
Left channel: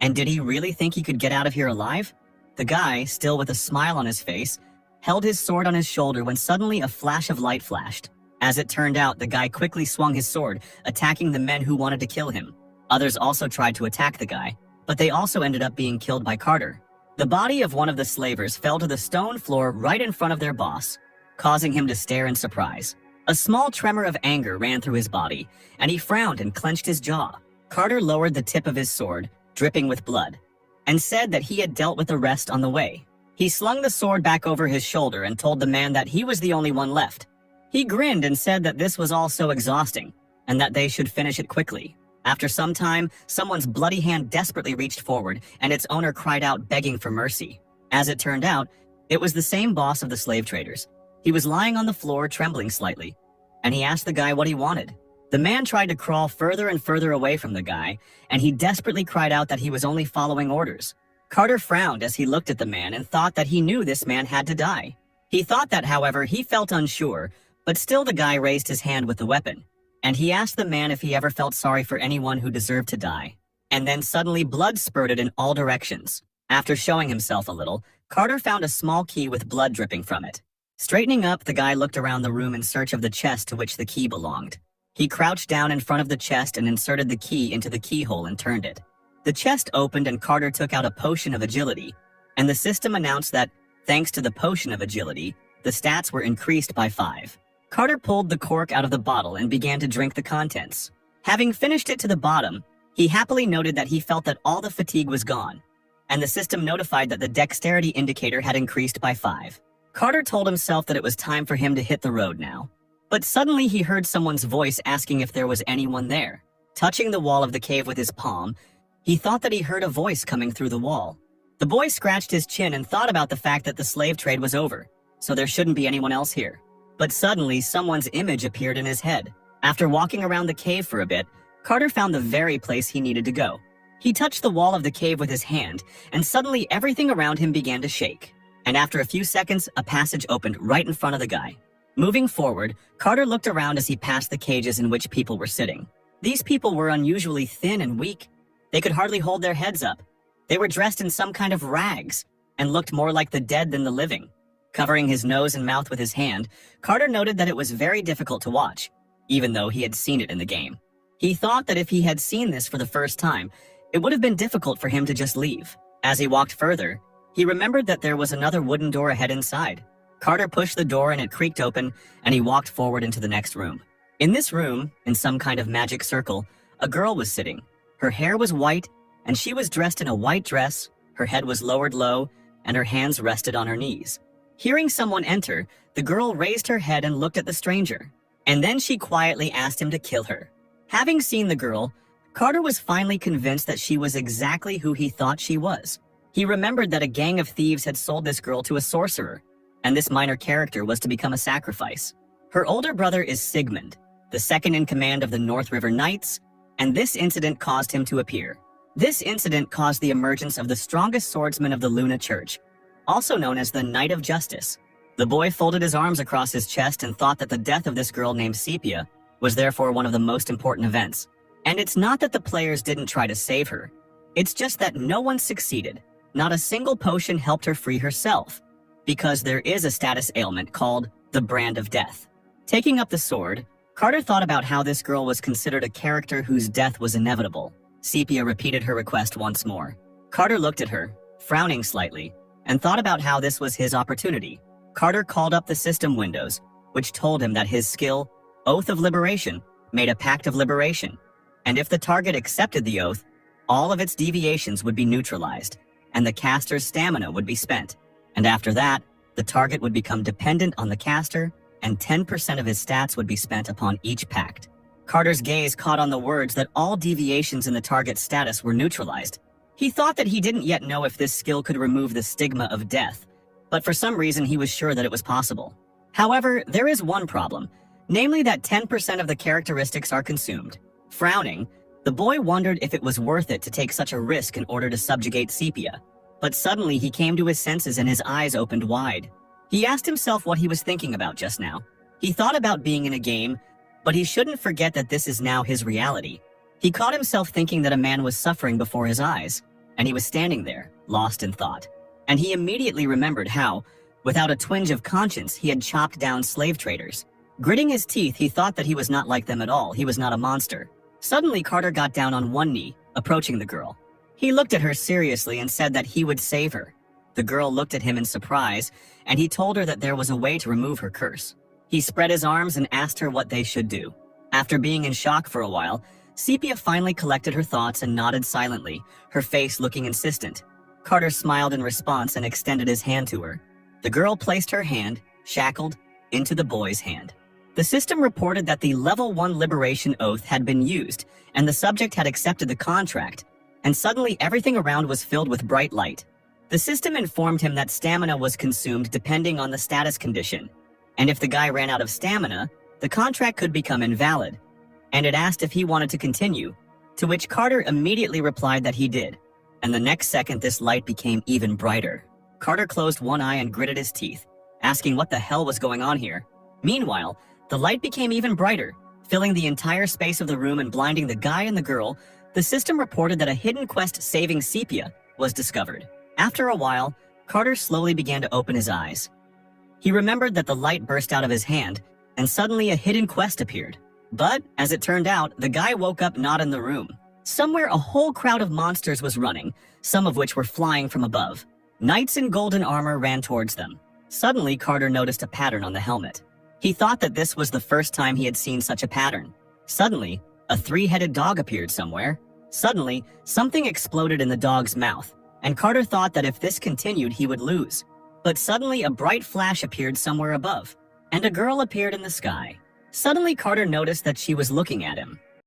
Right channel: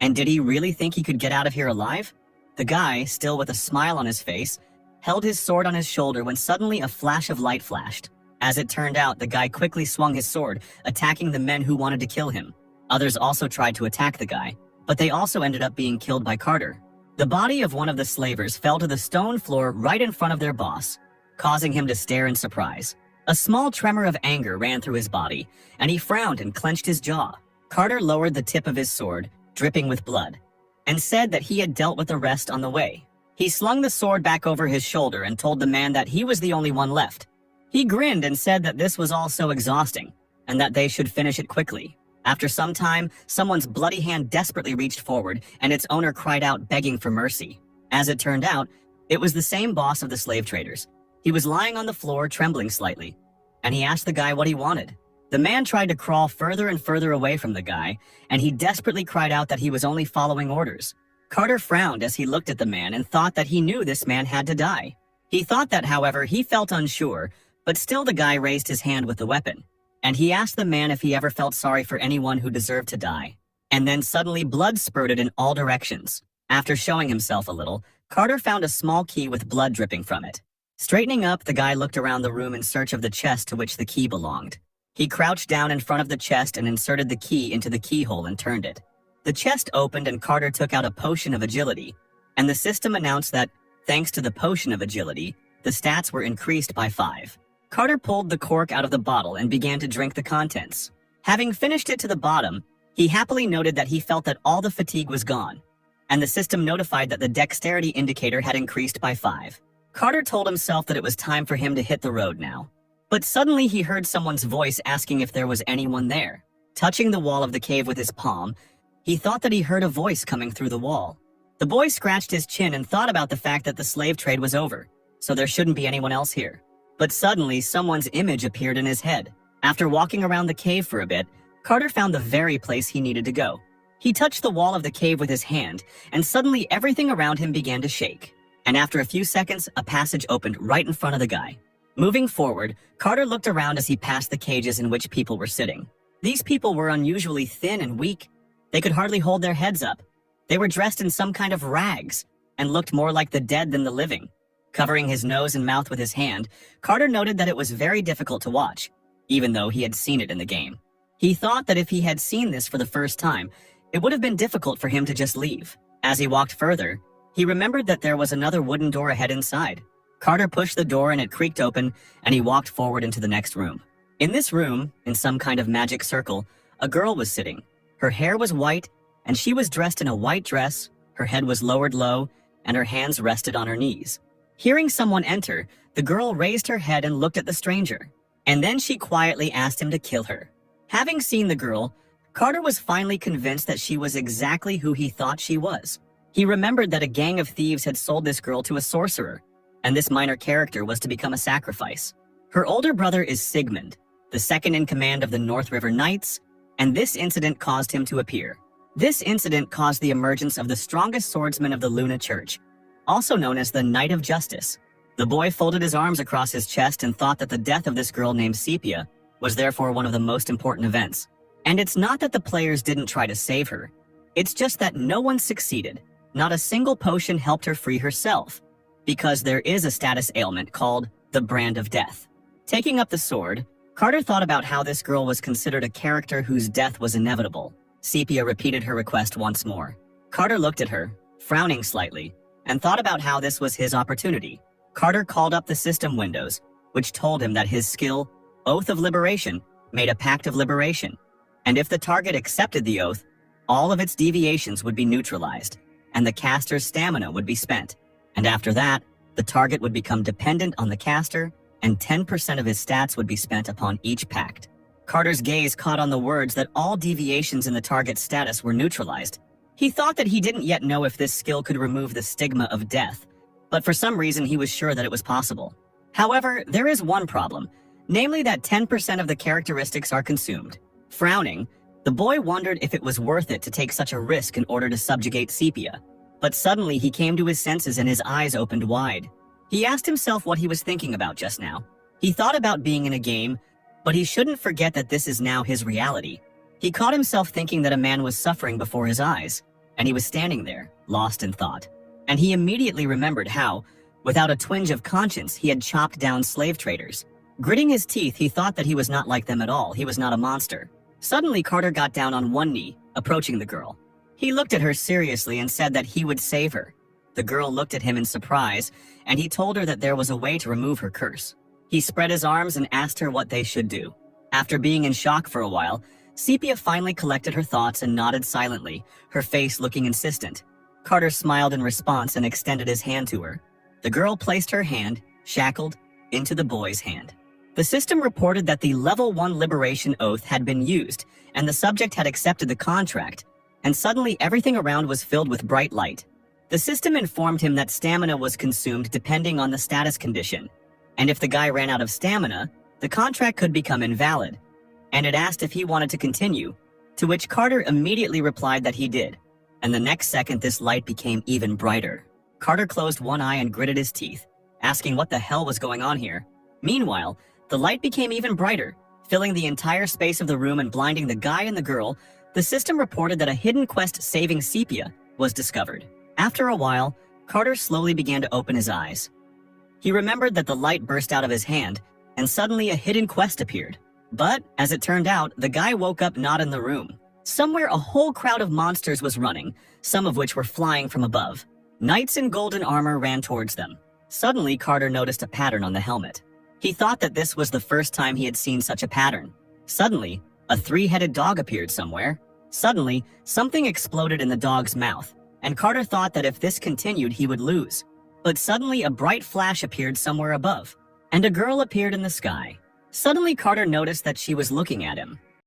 And did he really think he could get out of here alive? The guy, still with a smile on his face, held his sword on his shoulder when suddenly a flash of light flashed. As it turned out, the guy quickly swung his sword, attacking the men who wanted to kill him. Others also tried to attack the guy, but they also ended up being killed by Carter. The body of one of the slavers fell to the stone floor right in front of their boss, causing him to stare in surprise. A small tremor of anger ran through his body, and he frowned and clenched his jaw. Carter lowered the tip of his sword, dripping with blood, and said that he had dealt with the rest on the way. He slung the sword back over his shoulder and told the man that he was the only one left. He grinned and said that this was all so exhausting, and that they should finish it quickly. After some time, someone's bloody hand desperately reached forward, and its owner cried out, begging for mercy. As it turned out, it was the same boss of the slave traders. He was lying on the floor, trembling slightly, and he asked the guy what he wanted. The man tried to crawl further and further away from the guy, and he desperately cried out that he was only following orders. Carter frowned as he looked at the man and thought that he knew this man had to die. He thought that, however, he felt unsure, but still the guy raised his hand with the weapon, and he asked the man if he ever felt sorry for anyone who deserved to die. And then suddenly blood spurted in all directions. After showing himself a little, Carter found a small key with blood dripping from it. Straightening up, the guy looked around the room in search of the chest to which the key belonged. He crouched down in front of the chest and inserted the key into the keyhole and turned it. The chest opened and Carter took out a potion of agility, and the system announced that, thanks to the potion of agility, the stats were increased by 5. Carter pulled the cork out of the bottle and began to drink the contents. Having finished it to the bottom, he happily noted that he felt that all the fatigue was gone, and the system notified that the dexterity indicator had increased by 5. Carter told himself that it was time for him to hit the road now. But suddenly he heard someone's voice asking if there was anyone there. Touching the wall of the cave with his palm, he thought that he heard a voice coming through the wall. The boy scratched his chin and thought about the fact that the slave trade was over, so there shouldn't be anyone else here. But suddenly, someone's image appeared in his head. After walking around the cave for a bit, Carter found the very place he needed to go. He touched the wall of the cave with his hand, and suddenly everything around him began to shake. And after a few seconds, a passage opened right in front of the guy. Moving forward, Carter looked around as he passed the cages in which people were sitting. These people were unusually thin and weak. They could hardly hold their heads up. They were dressed in some kind of rags, and looked more like the dead than the living. Covering his nose and mouth with his hand, Carter noted that it was very difficult to watch, even though he had seen it in the game. He thought that if he had seen this for the first time, it would have been difficult for him to just leave. As he walked further, he remembered that there was another wooden door ahead inside. Carter pushed the door and it creaked open, and he walked forward into the next room. In this room, in some kind of magic circle, a girl was sitting. Her hair was white, and she was dressed in a white dress, her head was lowered low, and her hands rested on her knees. Hearing someone enter, the girl raised her head and looked at the stranger, and then she quietly asked him to kill her. Having seen the girl, Carter was finally convinced that she was exactly who he thought she was. He remembered that a gang of thieves had sold this girl to a sorcerer, and this minor character was to become a sacrifice. Her older brother is Sigmund, the second in command of the North River Knights, and this incident caused him to appear. This incident caused the emergence of the strongest swordsman of the Luna Church, also known as the Knight of Justice. The boy folded his arms across his chest and thought that the death of this girl named Sepia was therefore one of the most important events. And it's not that the players didn't try to save her. It's just that no one succeeded. Not a single potion helped her free herself, because there is a status ailment called the Brand of Death. Taking up the sword, Carter thought about how this girl was considered a character whose death was inevitable. Sepia repeated her request once more. Carter looked at her, frowning slightly, and thought about how this was his opportunity. Carter called up the system windows, which told him that his skill, Oath of Liberation, made a pact of liberation, and if the target accepted the oath, all of its deviations would be neutralized, and the caster's stamina would be spent. And after that, the target would become dependent on the caster, and 10% of his stats would be spent upon each pact. Carter's gaze caught on the words that all deviations in the target's status were neutralized. He thought that he didn't yet know if this skill could remove the stigma of death, but for some reason he was sure that it was possible. However, there is one problem, namely that 10% of the characteristics are consumed. Frowning, the boy wondered if it was worth it to take such a risk in order to subjugate Sepia. But suddenly he came to his senses and his eyes opened wide. He asked himself what he was thinking about just now. He thought about being in a game, but he shouldn't forget that this is now his reality. He caught himself thinking that a man was suffering before his eyes, and he was standing there, lost in thought. And he immediately remembered how, without a twinge of conscience, he had chopped down slave traders. Gritting his teeth, he thought that he was not like them at all. He was not a monster. Suddenly, Carter got down on one knee, approaching the girl. He looked at her seriously and said that he would save her. The girl looked at him in surprise, and he told her that there was a way to remove her curse. He spread his arms and asked her what they should do. After being in shock for a while, Sepia finally collected her thoughts and nodded silently, her face looking insistent. Carter smiled in response and extended his hand to her. The girl placed her hand, shackled, into the boy's hand. The system reported that the Level 1 Liberation Oath had been used, and the subject had accepted the contract, and suddenly everything around was filled with bright light. The system informed him that stamina was consumed depending on the status condition, and if the guy ran out of stamina, the contract could become invalid, and it asked if he wanted to continue, to which Carter immediately replied that he did, and the next second this light became even brighter. Carter closed one eye and gritted his teeth, asking what the hell was going on here. Meanwhile, the light became even brighter, filling the entire space of the room and blinding the guy and the girl. The system reported that a hidden quest saving Sepia was discovered. After a while, Carter slowly began to open his eyes. He remembered that the light burst out of his hand, and suddenly a hidden quest appeared. But, as it turned out, the guy woke up not in the room. Somewhere a whole crowd of monsters was running, some of which were flying from above. Knights in golden armor ran towards them. Suddenly, Carter noticed a pattern on the helmet. He thought that this was the first time he had seen such a pattern. Suddenly, a three-headed dog appeared somewhere. Suddenly, something exploded in the dog's mouth, and Carter thought that if this continued, he would lose. But suddenly, a bright flash appeared somewhere above, and a girl appeared in the sky. Suddenly, Carter noticed that she was looking at him.